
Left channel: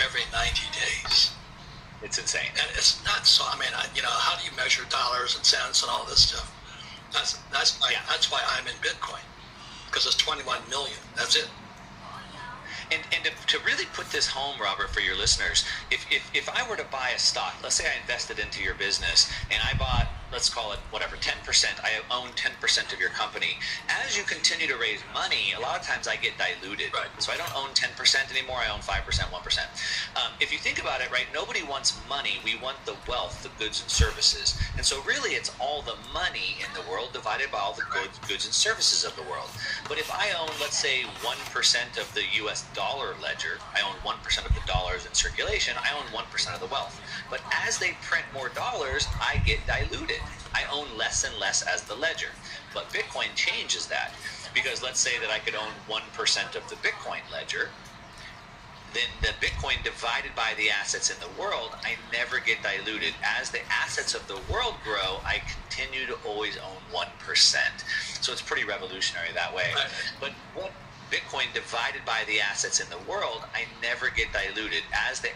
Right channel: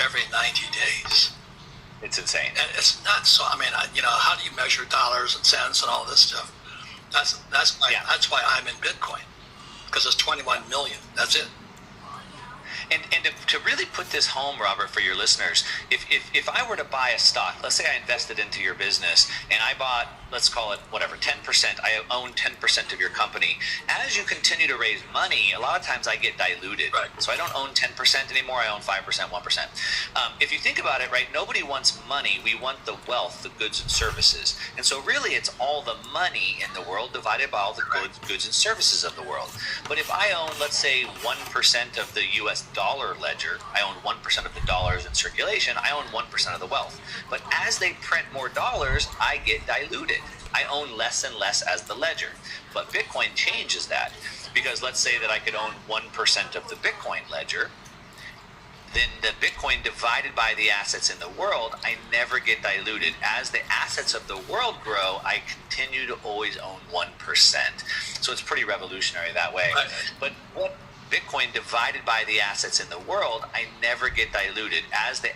every 90 days. It's insane. And it's nuts. So, I mean, how do you measure dollars and cents and all this stuff? That's why I'm in Bitcoin, because it's 21 million. That's it. And to really put this home, Robert, for your listeners, if I were to buy a stock, let's say I invested into your business and I bought, let's call it whatever, 10%, I own 10% of your company. As you continue to raise money, a lot of times I get diluted. Right. So I don't own 10% anymore, I own 5%, 1%. If you think about it, right, nobody wants money, we want the wealth, the goods and services. And so really it's all the money in the world divided by all the goods and services of the world. But if I own, let's say, 1% of the US dollar ledger, I own 1% of the dollars in circulation, I own 1% of the wealth. But as they print more dollars, I get diluted. I own less and less as the ledger. But Bitcoin changes that, because let's say that I could own 1% of the Bitcoin ledger. then the Bitcoin divided by the assets in the world, I never get diluted. As the assets of the world grow, I continue to always own 1%. So it's pretty revolutionary that way. Right. But what Bitcoin divided by the assets in the world, I never get diluted. As the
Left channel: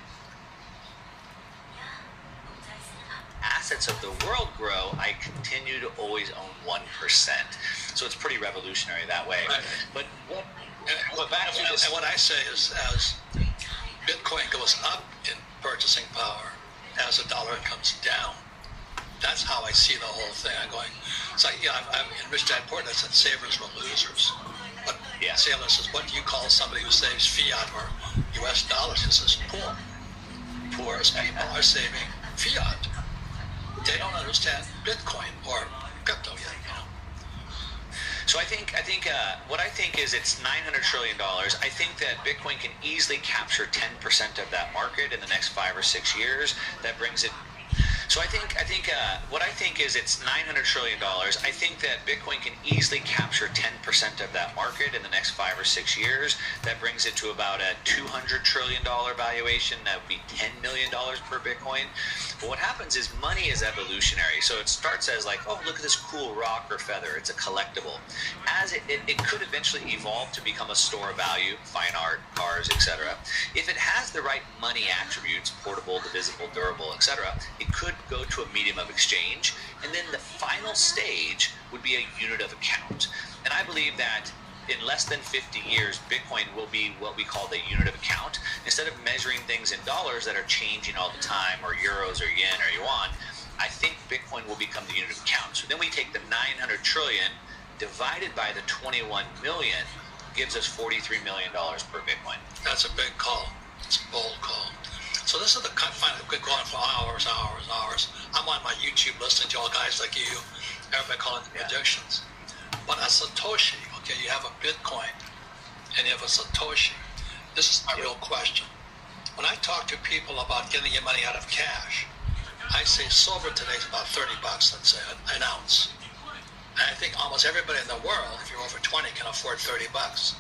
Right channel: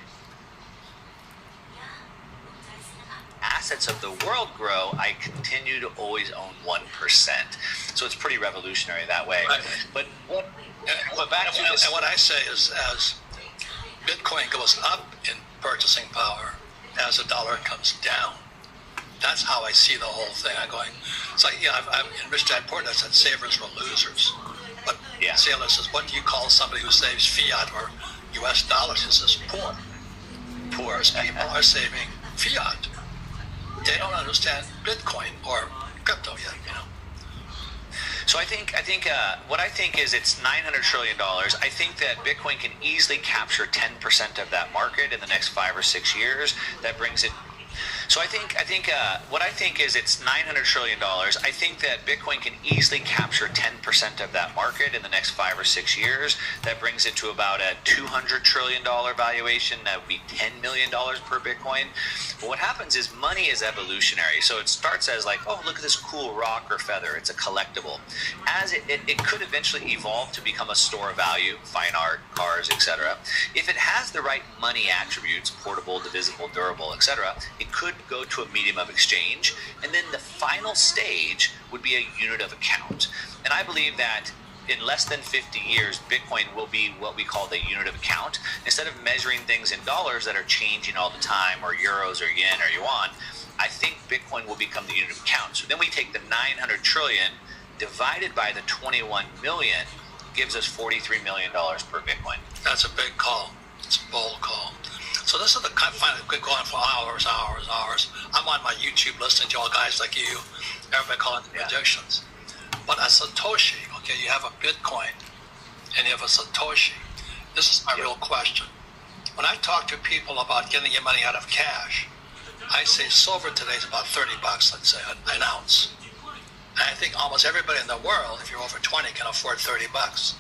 assets of the world grow, I continue to always own 1%. So it's pretty revolutionary that way. Right. But back to this. And what I say is, as Bitcoin goes up in purchasing power, as the dollar comes down, that's how I see the whole thing. I'm going, it's like, I'm in Rich Dad Poor Dad said savers were losers. But Sailor says, what do you call somebody who saves fiat or US dollars? He says, poor. Poor people are saving fiat. They don't understand Bitcoin or crypto yet. So I think what I think is it's $900 trillion. I think that Bitcoin can easily capture 10% of that market in the next 5 or 6 years. That brings it. So I think what I think is it's $900 trillion. I think that Bitcoin can easily capture 10% of that market in the next 5 or 6 years. That brings it to about a $200 trillion valuation. That would be $10 million per Bitcoin. But what happens is money is evolutionary. So it starts as like, oh, look at this cool rock or feather. It's a collectible. As it could eventually evolve to become a store of value, fine art, cars, etc. If it has the right money attributes, portable, divisible, durable, etc., it could go to a medium of exchange. And then the final stage would be a unit of account. And I believe that in less than 50 years, Bitcoin will be what we call the unit of account. Instead of measuring things in dollars that are changing all the time, or euros or yen or yuan, I think Bitcoin will become the unit of account. So then we take the 900 trillion divided by the 21 million, gives us $43 million per Bitcoin. That's a big call. It's a bold call. So this is the kind of find it could go on for hours. I'm on my YouTube listening to all guys like you, everybody calling the projections. But a Satoshi, okay, you have a Bitcoin and you have a Satoshi. This is my real question. When I talk to people about getting your money out of cash, I say silver today is about $30, let's say, an ounce. And I think almost everybody in the world, if you're over 20, can afford $30.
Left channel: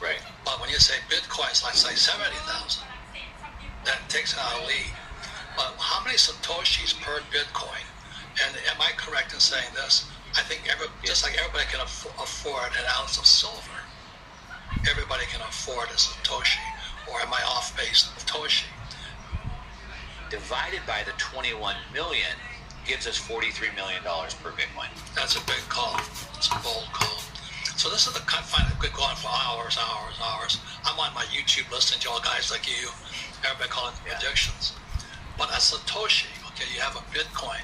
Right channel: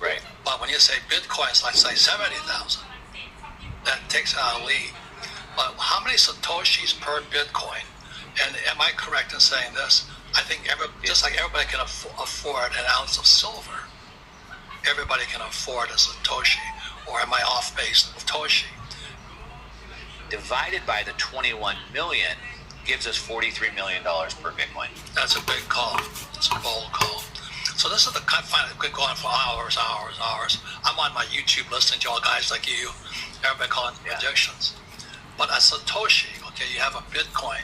Right. But when you say Bitcoin's, let's say 70,000, that takes it out of the league. But how many Satoshis per Bitcoin? And am I correct in saying this? I think just like everybody can afford an ounce of silver, everybody can afford a Satoshi. Or am I off base of Satoshi? Divided by the 21 million gives us $43 million per Bitcoin. That's a big call. It's a bold call. So this is the kind of find it could go on for hours. I'm on my YouTube listening to all guys like you, everybody calling the projections. But a Satoshi, okay, you have a Bitcoin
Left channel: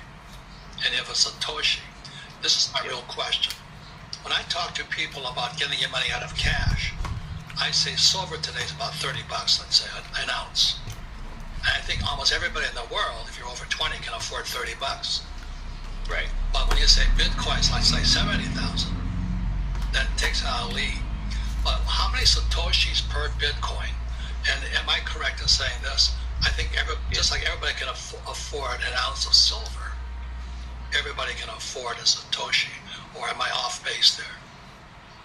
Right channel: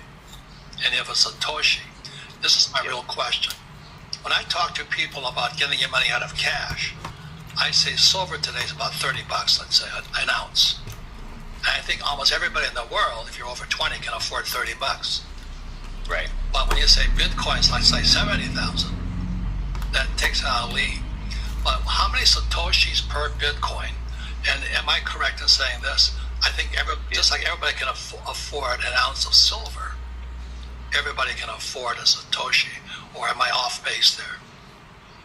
and you have a Satoshi. This is my real question. When I talk to people about getting your money out of cash, I say silver today is about $30, let's say, an ounce. And I think almost everybody in the world, if you're over 20, can afford $30. Right. But when you say Bitcoin's, let's say 70,000, that takes it out of the league. But how many Satoshis per Bitcoin? And am I correct in saying this? I think just like everybody can afford an ounce of silver, everybody can afford a Satoshi. Or am I off base there?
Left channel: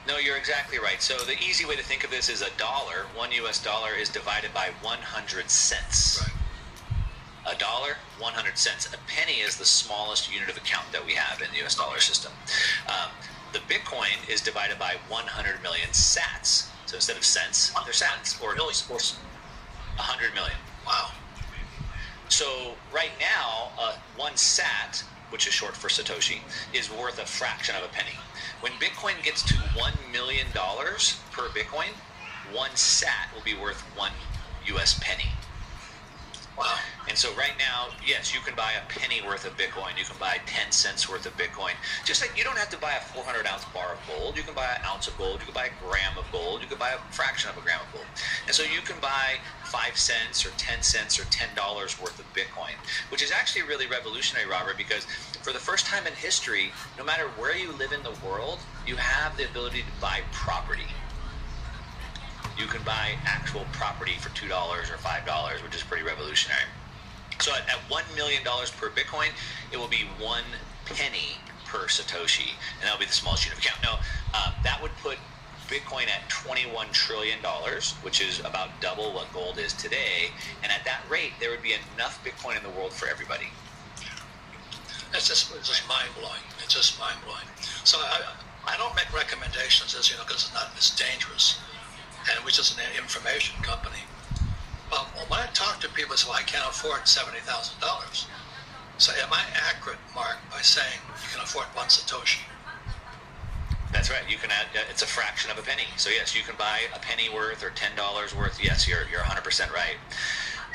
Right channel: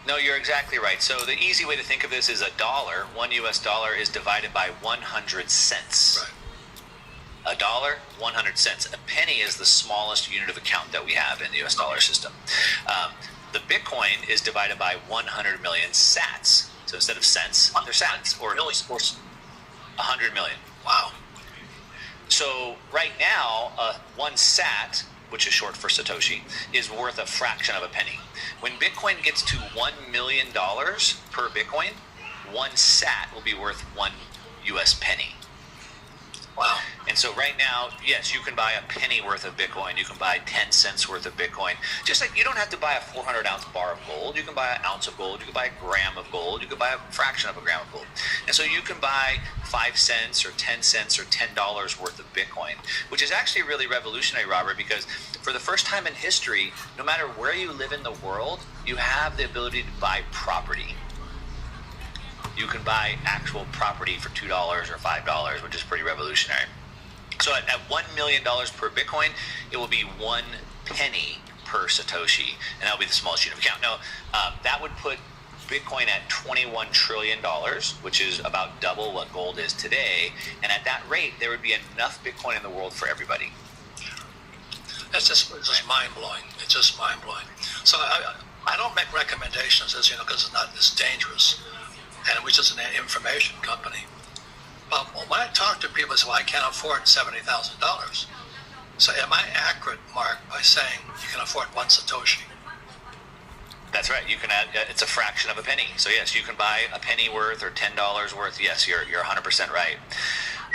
No, you're exactly right. So the easy way to think of this is a dollar, $1 US is divided by 100 cents. Right. A dollar, 100 cents. A penny is the smallest unit of account that we have in the US dollar system. The Bitcoin is divided by 100 million sats. So instead of cents, they're sats, or 100 million. Wow. So right now, 1 sat, which is short for Satoshi, is worth a fraction of a penny. When Bitcoin gets to $1 million per Bitcoin, 1 sat will be worth 1 US penny. Wow. And so right now, yes, you can buy a penny worth of Bitcoin. You can buy 10 cents worth of Bitcoin. Just like you don't have to buy a 400-ounce bar of gold. You can buy an ounce of gold. You can buy a gram of gold. You can buy a fraction of a gram of gold. And so you can buy 5 cents or 10 cents or $10 worth of Bitcoin, which is actually really revolutionary, Robert, because for the first time in history, no matter where you live in the world, you have the ability to buy property. You can buy actual property for $2 or $5, which is pretty revolutionary. So at $1 million per Bitcoin, it will be 1 penny per Satoshi, and that will be the smallest unit of account. Now, that would put Bitcoin at $21 trillion, which is about double what gold is today. And at that rate, there would be enough Bitcoin in the world for everybody. It's just mind-blowing. It's just mind-blowing. So I don't make recommendations, as you know, because it's dangerous. And we're just an information company. But when I talk to people, they say, well, I can't afford $70,000. So am I accurate, Mark, by saying you can afford one Satoshi? That's right. You can add, it's a fraction of a penny. So yes, you can buy a penny worth or $10 worth. Yes, you're 100% right.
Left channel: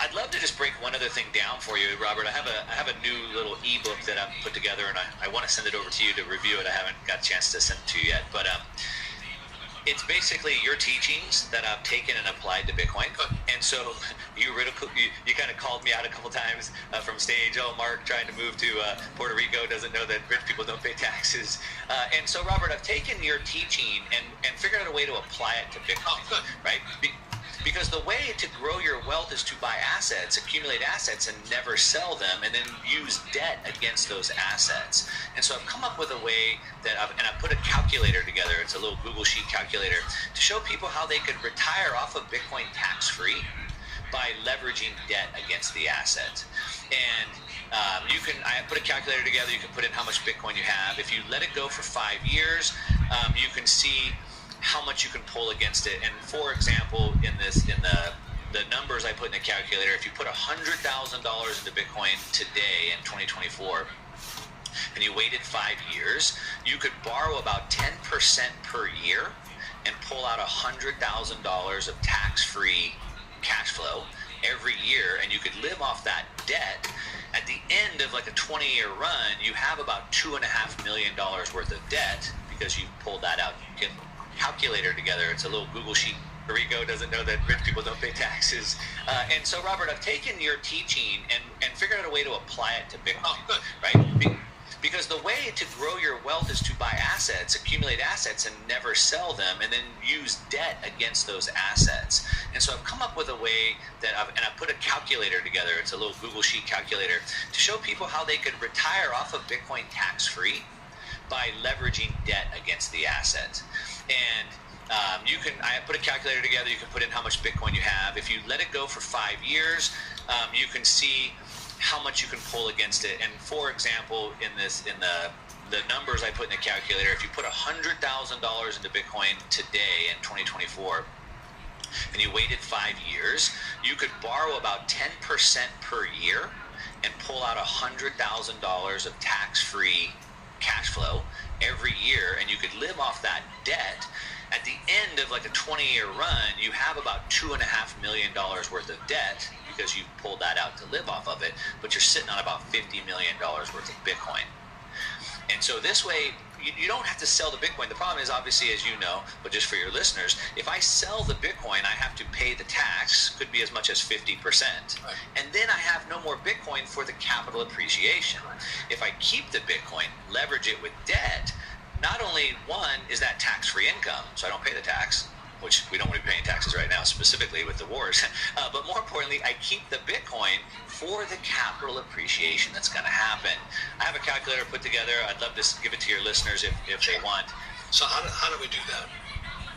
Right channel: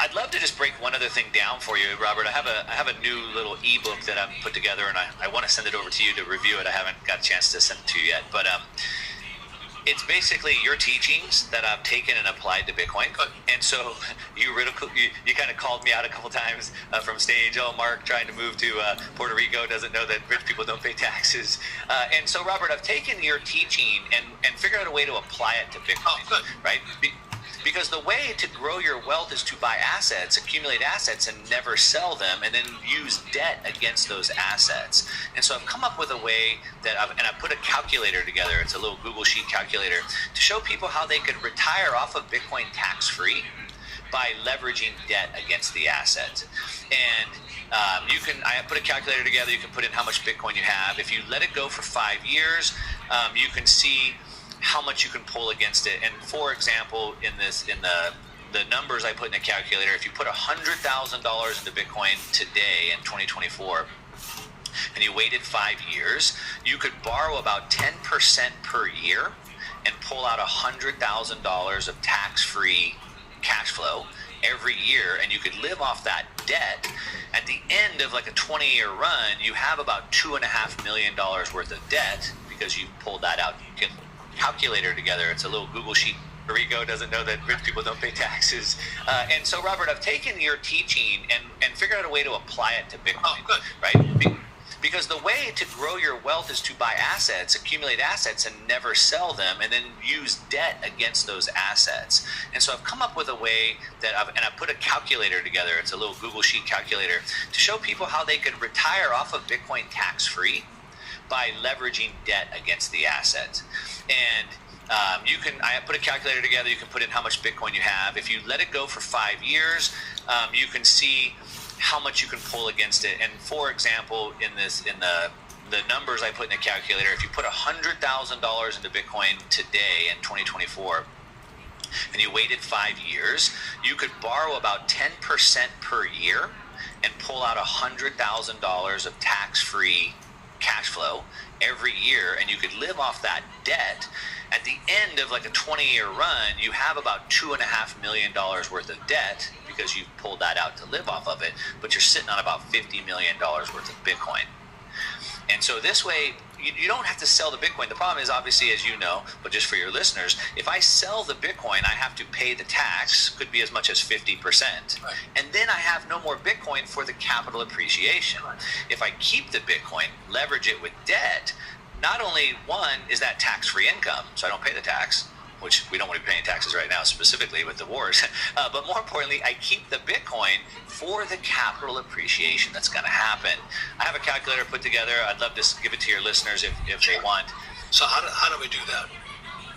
I'd love to just break one other thing down for you, Robert. I have a new little ebook that I've put together, and I want to send it over to you to review it. I haven't got a chance to send it to you yet, but it's basically your teachings that I've taken and applied to Bitcoin. And so you kind of called me out a couple times from stage. Oh, Mark trying to move to Puerto Rico doesn't know that rich people don't pay taxes. And so, Robert, I've taken your teaching and figured out a way to apply it to Bitcoin. Oh, good. Right? Because the way to grow your wealth is to buy assets, accumulate assets, and never sell them, and then use debt against those assets. And so I've come up with a way that I've put a calculator together. It's a little Google Sheet calculator to show people how they could retire off of Bitcoin tax-free by leveraging debt against the assets. And I put a calculator together. You can put in how much Bitcoin you have. If you let it go for 5 years, you can see how much you can pull against it. And for example, in the numbers I put in the calculator, if you put $100,000 into Bitcoin today in 2024, and you waited 5 years, you could borrow about 10% per year and pull out $100,000 of tax-free cash flow every year, and you could live off that debt. At the end of like a 20-year run, you have about $2.5 million worth of debt because you pulled that out. You can calculator together. It's a little Google Sheet. Puerto Rico doesn't know that rich people don't pay taxes. And so, Robert, I've taken your teaching and figured out a way to apply it to Bitcoin. Oh, good. Right? Because the way to grow your wealth is to buy assets, accumulate assets, and never sell them, and then use debt against those assets. And so I've come up with a way that I've put a calculator together. It's a little Google Sheet calculator to show people how they could retire off of Bitcoin tax-free by leveraging debt against the assets. And I put a calculator together. You can put in how much Bitcoin you have. If you let it go for 5 years, you can see how much you can pull against it. And for example, in the numbers I put in the calculator, if you put $100,000 into Bitcoin today in 2024, and you waited 5 years, you could borrow about 10% per year and pull out $100,000 of tax-free cash flow every year, and you could live off that debt. At the end of like a 20-year run, you have about $2.5 million worth of debt because you pulled that out to live off of it, but you're sitting on about $50 million worth of Bitcoin. And so this way, you don't have to sell the Bitcoin. The problem is, obviously, as you know, but just for your listeners, if I sell the Bitcoin, I have to pay the tax, could be as much as 50%. Right. And then I have no more Bitcoin for the capital appreciation. Right. If I keep the Bitcoin, leverage it with debt, not only one is that tax-free income, so I don't pay the tax, which we don't want to be paying taxes right now, specifically with the wars. But more importantly, I keep the Bitcoin for the capital appreciation that's going to happen. I have a calculator put together. I'd love to give it to your listeners if they want. So how do we do that?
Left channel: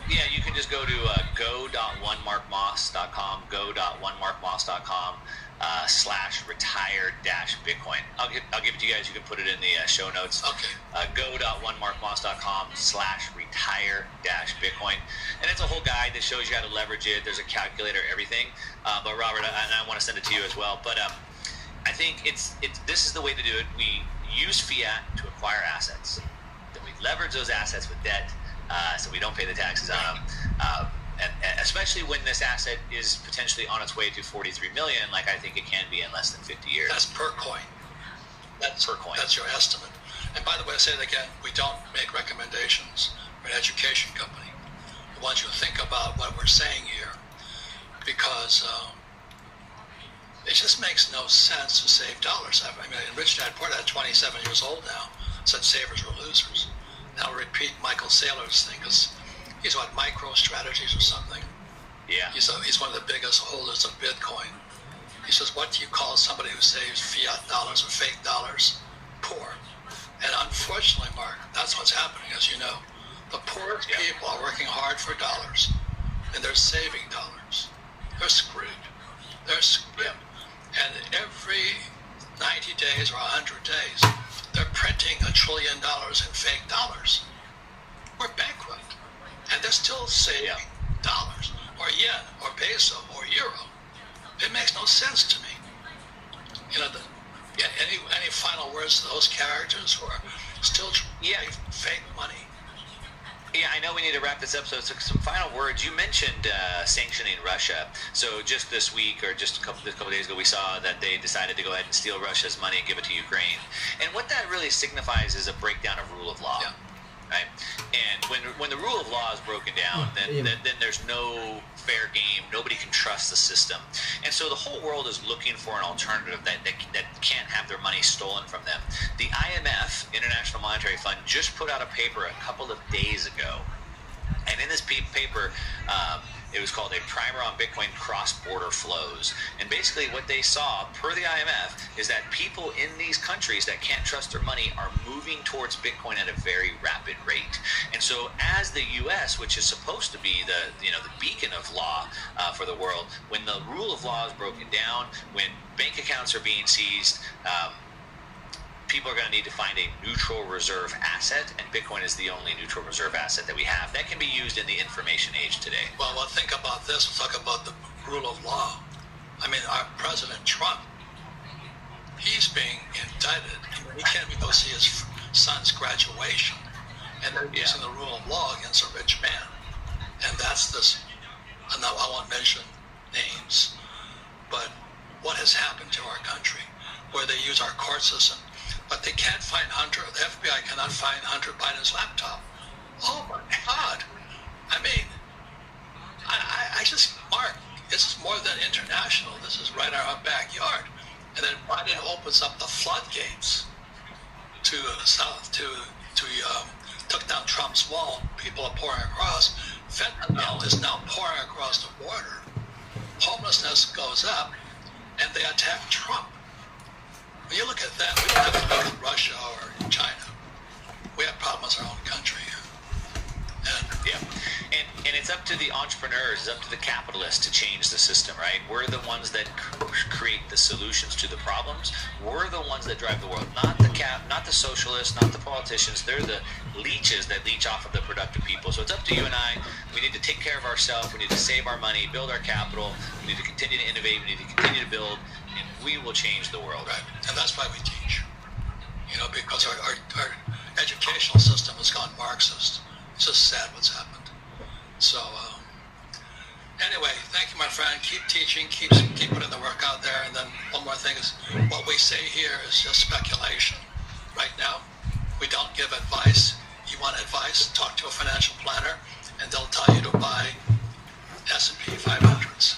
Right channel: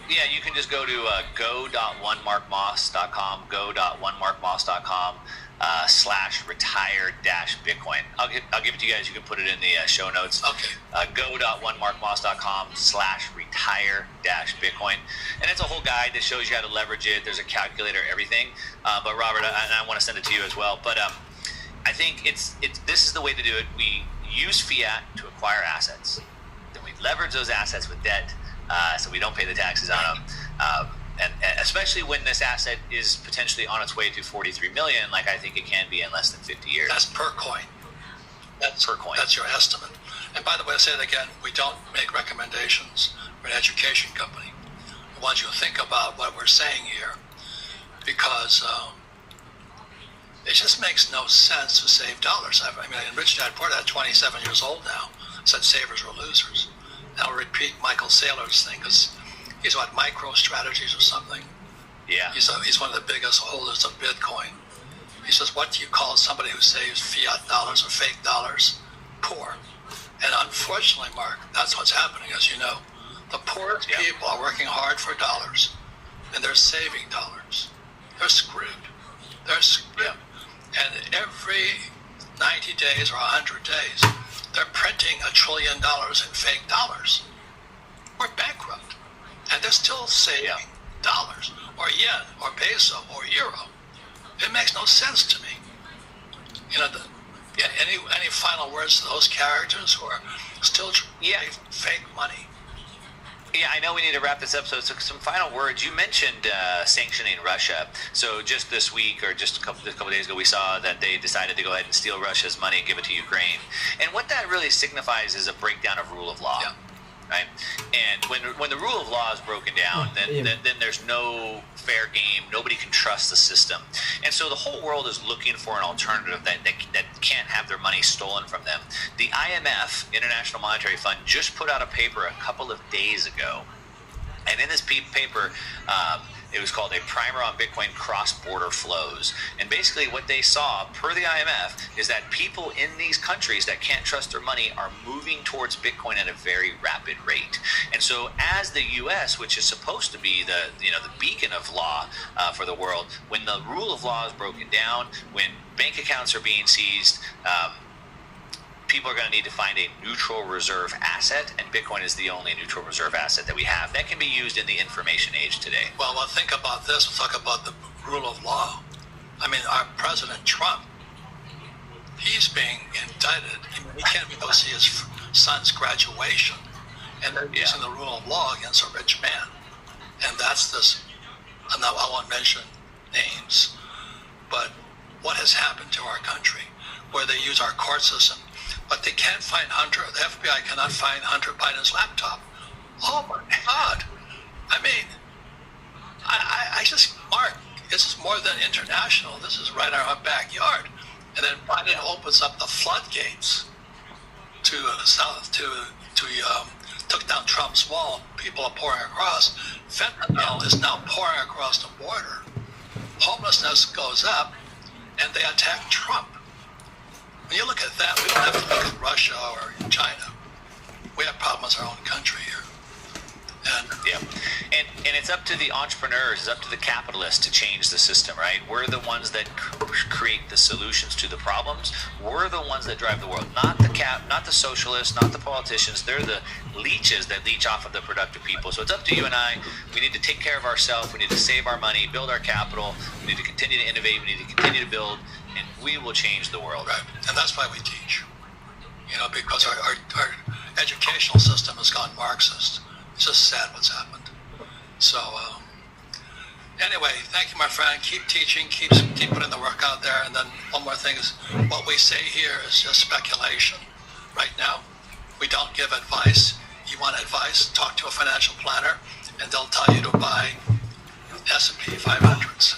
Yeah, you can just go to go.onemarkmoss.com, go.onemarkmoss.com /retire-Bitcoin. I'll give it to you guys. You can put it in the show notes. Okay. Go.onemarkmoss.com /retire-Bitcoin. And it's a whole guide that shows you how to leverage it. There's a calculator, everything. But Robert, and I want to send it to you as well. But I think this is the way to do it. We use fiat to acquire assets. Then we leverage those assets with debt, so we don't pay the taxes on them. And especially when this asset is potentially on its way to 43 million, like I think it can be in less than 50 years. That's per coin. That's per coin. That's your estimate. And by the way, I say it again, we don't make recommendations. We're an education company. We want you to think about what we're saying here, because it just makes no sense to save dollars. I mean, Rich Dad Poor Dad, 27 years old now, said savers were losers. Now I'll repeat Michael Saylor's thing, because he's what, MicroStrategies or something? Yeah. He's one of the biggest holders of Bitcoin. He says, what do you call somebody who saves fiat dollars or fake dollars? Poor. And unfortunately, Mark, that's what's happening, as you know. The poorest people are working hard for dollars, and they're saving dollars. They're screwed. They're screwed. And every 90 days or 100 days, they're printing $1 trillion in fake dollars. We're bankrupt. And they're still saving dollars, or yen, or peso, or euro. It makes no sense to me. You know, any final words to those characters who are still trying fake money? Yeah, I know we need to wrap this up. So some final words. You mentioned sanctioning Russia. So just this week, or just a couple days ago, we saw that they decided to go ahead and steal Russia's money and give it to Ukraine. And what that really signifies is a breakdown of rule of law. Yeah. Right? And when the rule of law is broken down, then there's no fair game. Nobody can trust the system. And so the whole world is looking for an alternative that can't have their money stolen from them. The IMF, International Monetary Fund, just put out a paper a couple of days ago. And in this paper, it was called A Primer on Bitcoin Cross-Border Flows. And basically what they saw, per the IMF, is that people in these countries that can't trust their money are moving towards Bitcoin at a very rapid rate. And so as the U.S., which is supposed to be the beacon of law for the world, when the rule of law is broken down, when bank accounts are being seized, people are going to need to find a neutral reserve asset, and Bitcoin is the only neutral reserve asset that we have that can be used in the information age today. Well, think about this. We'll talk about the rule of law. I mean, our President Trump, he's being indicted. He can't even go see his son's graduation, and they're using the rule of law against a rich man. And that's this. I won't mention names, but what has happened to our country, where they use our court system, but they can't find Hunter. The FBI cannot find Hunter Biden's laptop. Oh my God! I mean, I just, Mark, this is more than international. This is right in our backyard. And then Biden opens up the floodgates to took down Trump's wall. People are pouring across. Fentanyl is now pouring across the border. Homelessness goes up, and they attack Trump. When you look at that, we don't have to look at Russia or China. We have problems in our own country here. And it's up to the entrepreneurs, it's up to the capitalists to change the system, right? We're the ones that create the solutions to the problems. We're the ones that drive the world, not the socialists, not the politicians. They're the leeches that leech off of the productive people. So it's up to you and I. We need to take care of ourselves. We need to save our money, build our capital. We need to continue to innovate. We need to continue to build, and we will change the world. Right, and that's why we teach. You know, because our educational system has gone Marxist. It's just sad what's happened. So, anyway, thank you, my friend. Keep teaching, keep putting the work out there. And then one more thing is, what we say here is just speculation. Right now, we don't give advice. You want advice, talk to a financial planner, and they'll tell you to buy S&P 500s.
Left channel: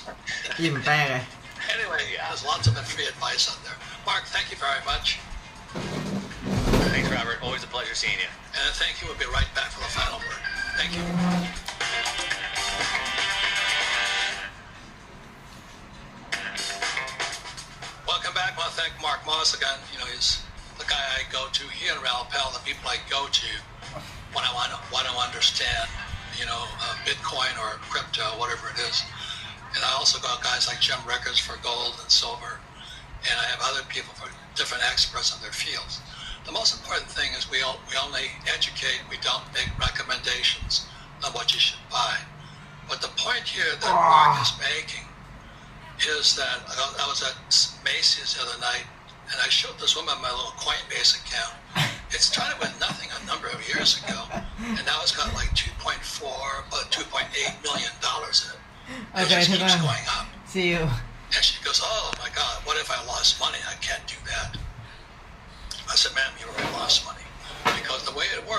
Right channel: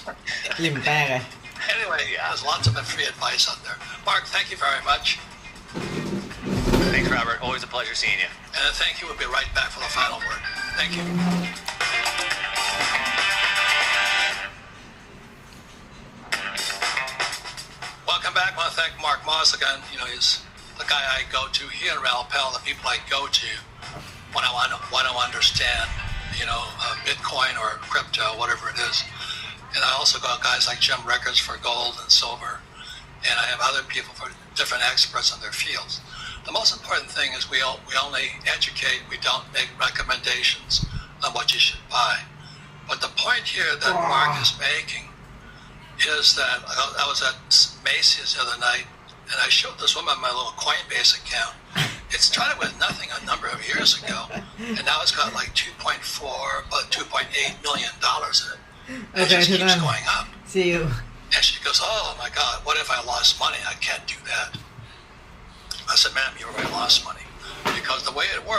Anyway, there's lots of free advice out there. Mark, thank you very much. Thanks, Robert. Always a pleasure seeing you. And thank you. We'll be right back for the final word. Thank you. Welcome back. I want to thank Mark Moss again. You know, he's the guy I go to. He and Ralph Pell, the people I go to when I want to understand, Bitcoin or crypto, whatever it is. And I also got guys like Jim Records for gold and silver. And I have other people for different experts in their fields. The most important thing is we only educate, we don't make recommendations on what you should buy. But the point here that Mark is making is that I was at Macy's the other night, and I showed this woman my little Coinbase account. It started with nothing a number of years ago, and now it's got like $2.8 million in it. And it just keeps going up. See you. And she goes, oh my God, what if I lost money? I can't do that. I said, ma'am, you already lost money. Because the way it works,